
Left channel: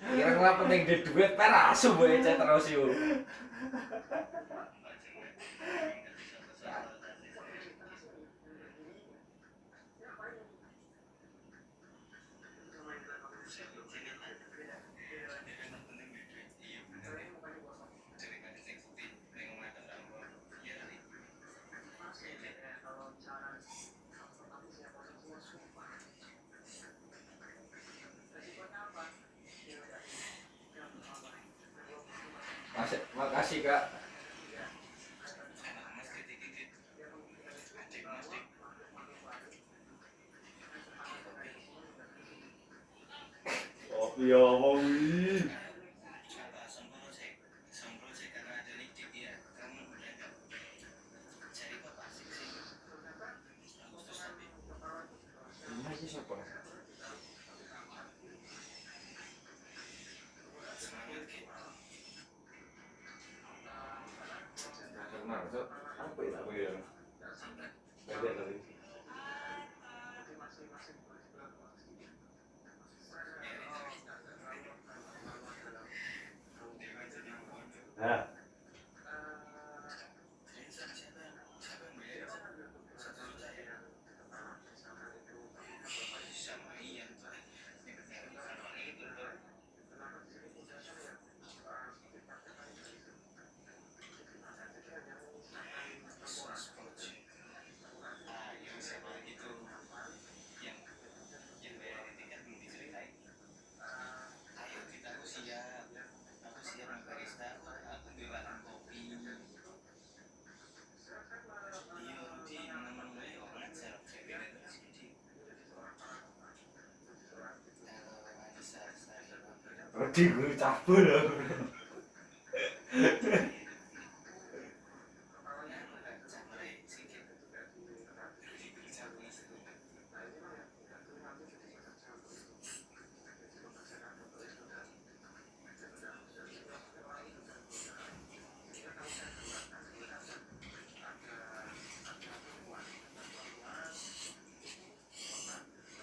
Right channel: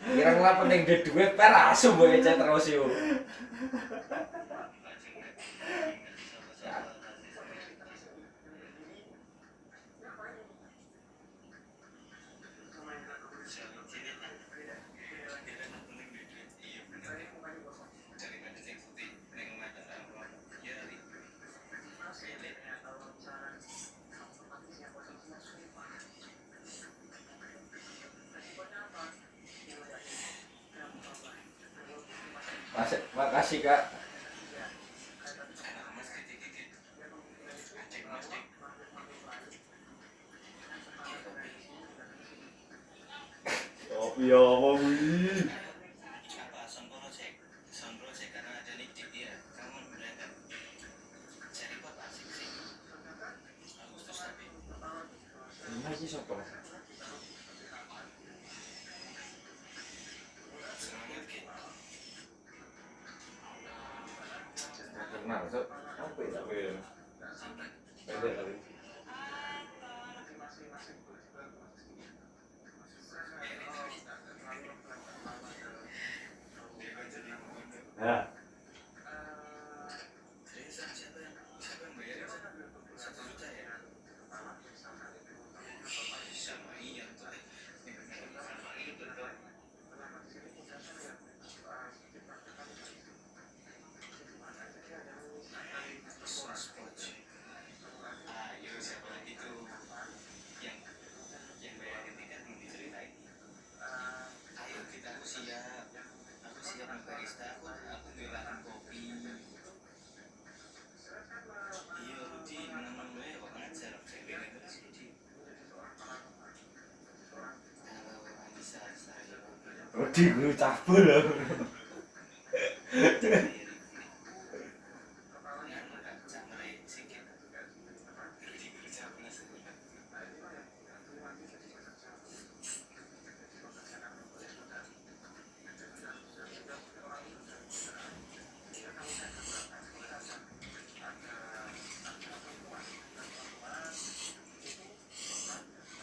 Kira ngapa ning duit per asu mbok ecet terus yo. Makasih Kak. Oh iya omong iki. Rima iki sapa? Kenal, Sok. Apa ya aku ya? Pendek lagi. Nah, Rodi guru cabul.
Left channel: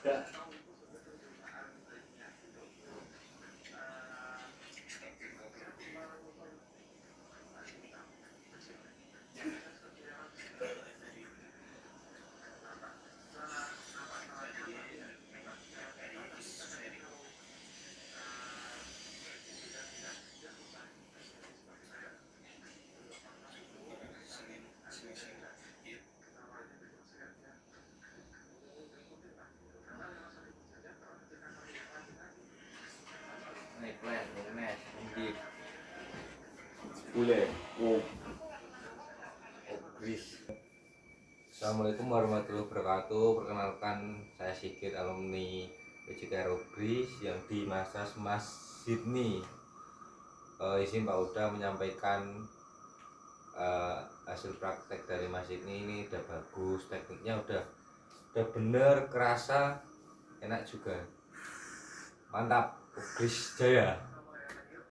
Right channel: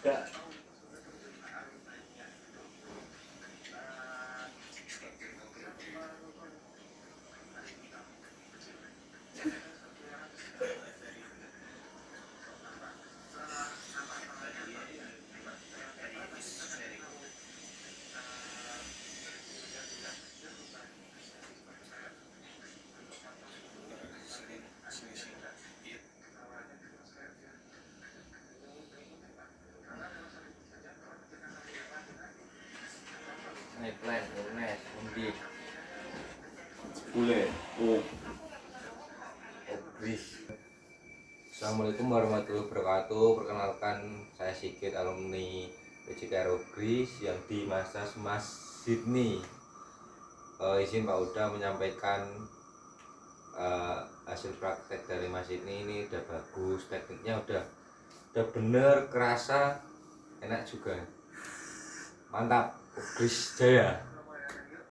gak Naik plan, mes, ngendi? boleh. Oh, Obris. Assalamualaikum warahmatullahi wabarakatuh. Perkenalkan saya Sigit, alumni PJK Aero Grease yang dimassage Mas Sydney. Izin Pak Uda menyampaikan hasil praktek dari Mas Sydney ini udah bagus, tekniknya udah bener, kerasa, enak juga. Mantap, Grease Jaya.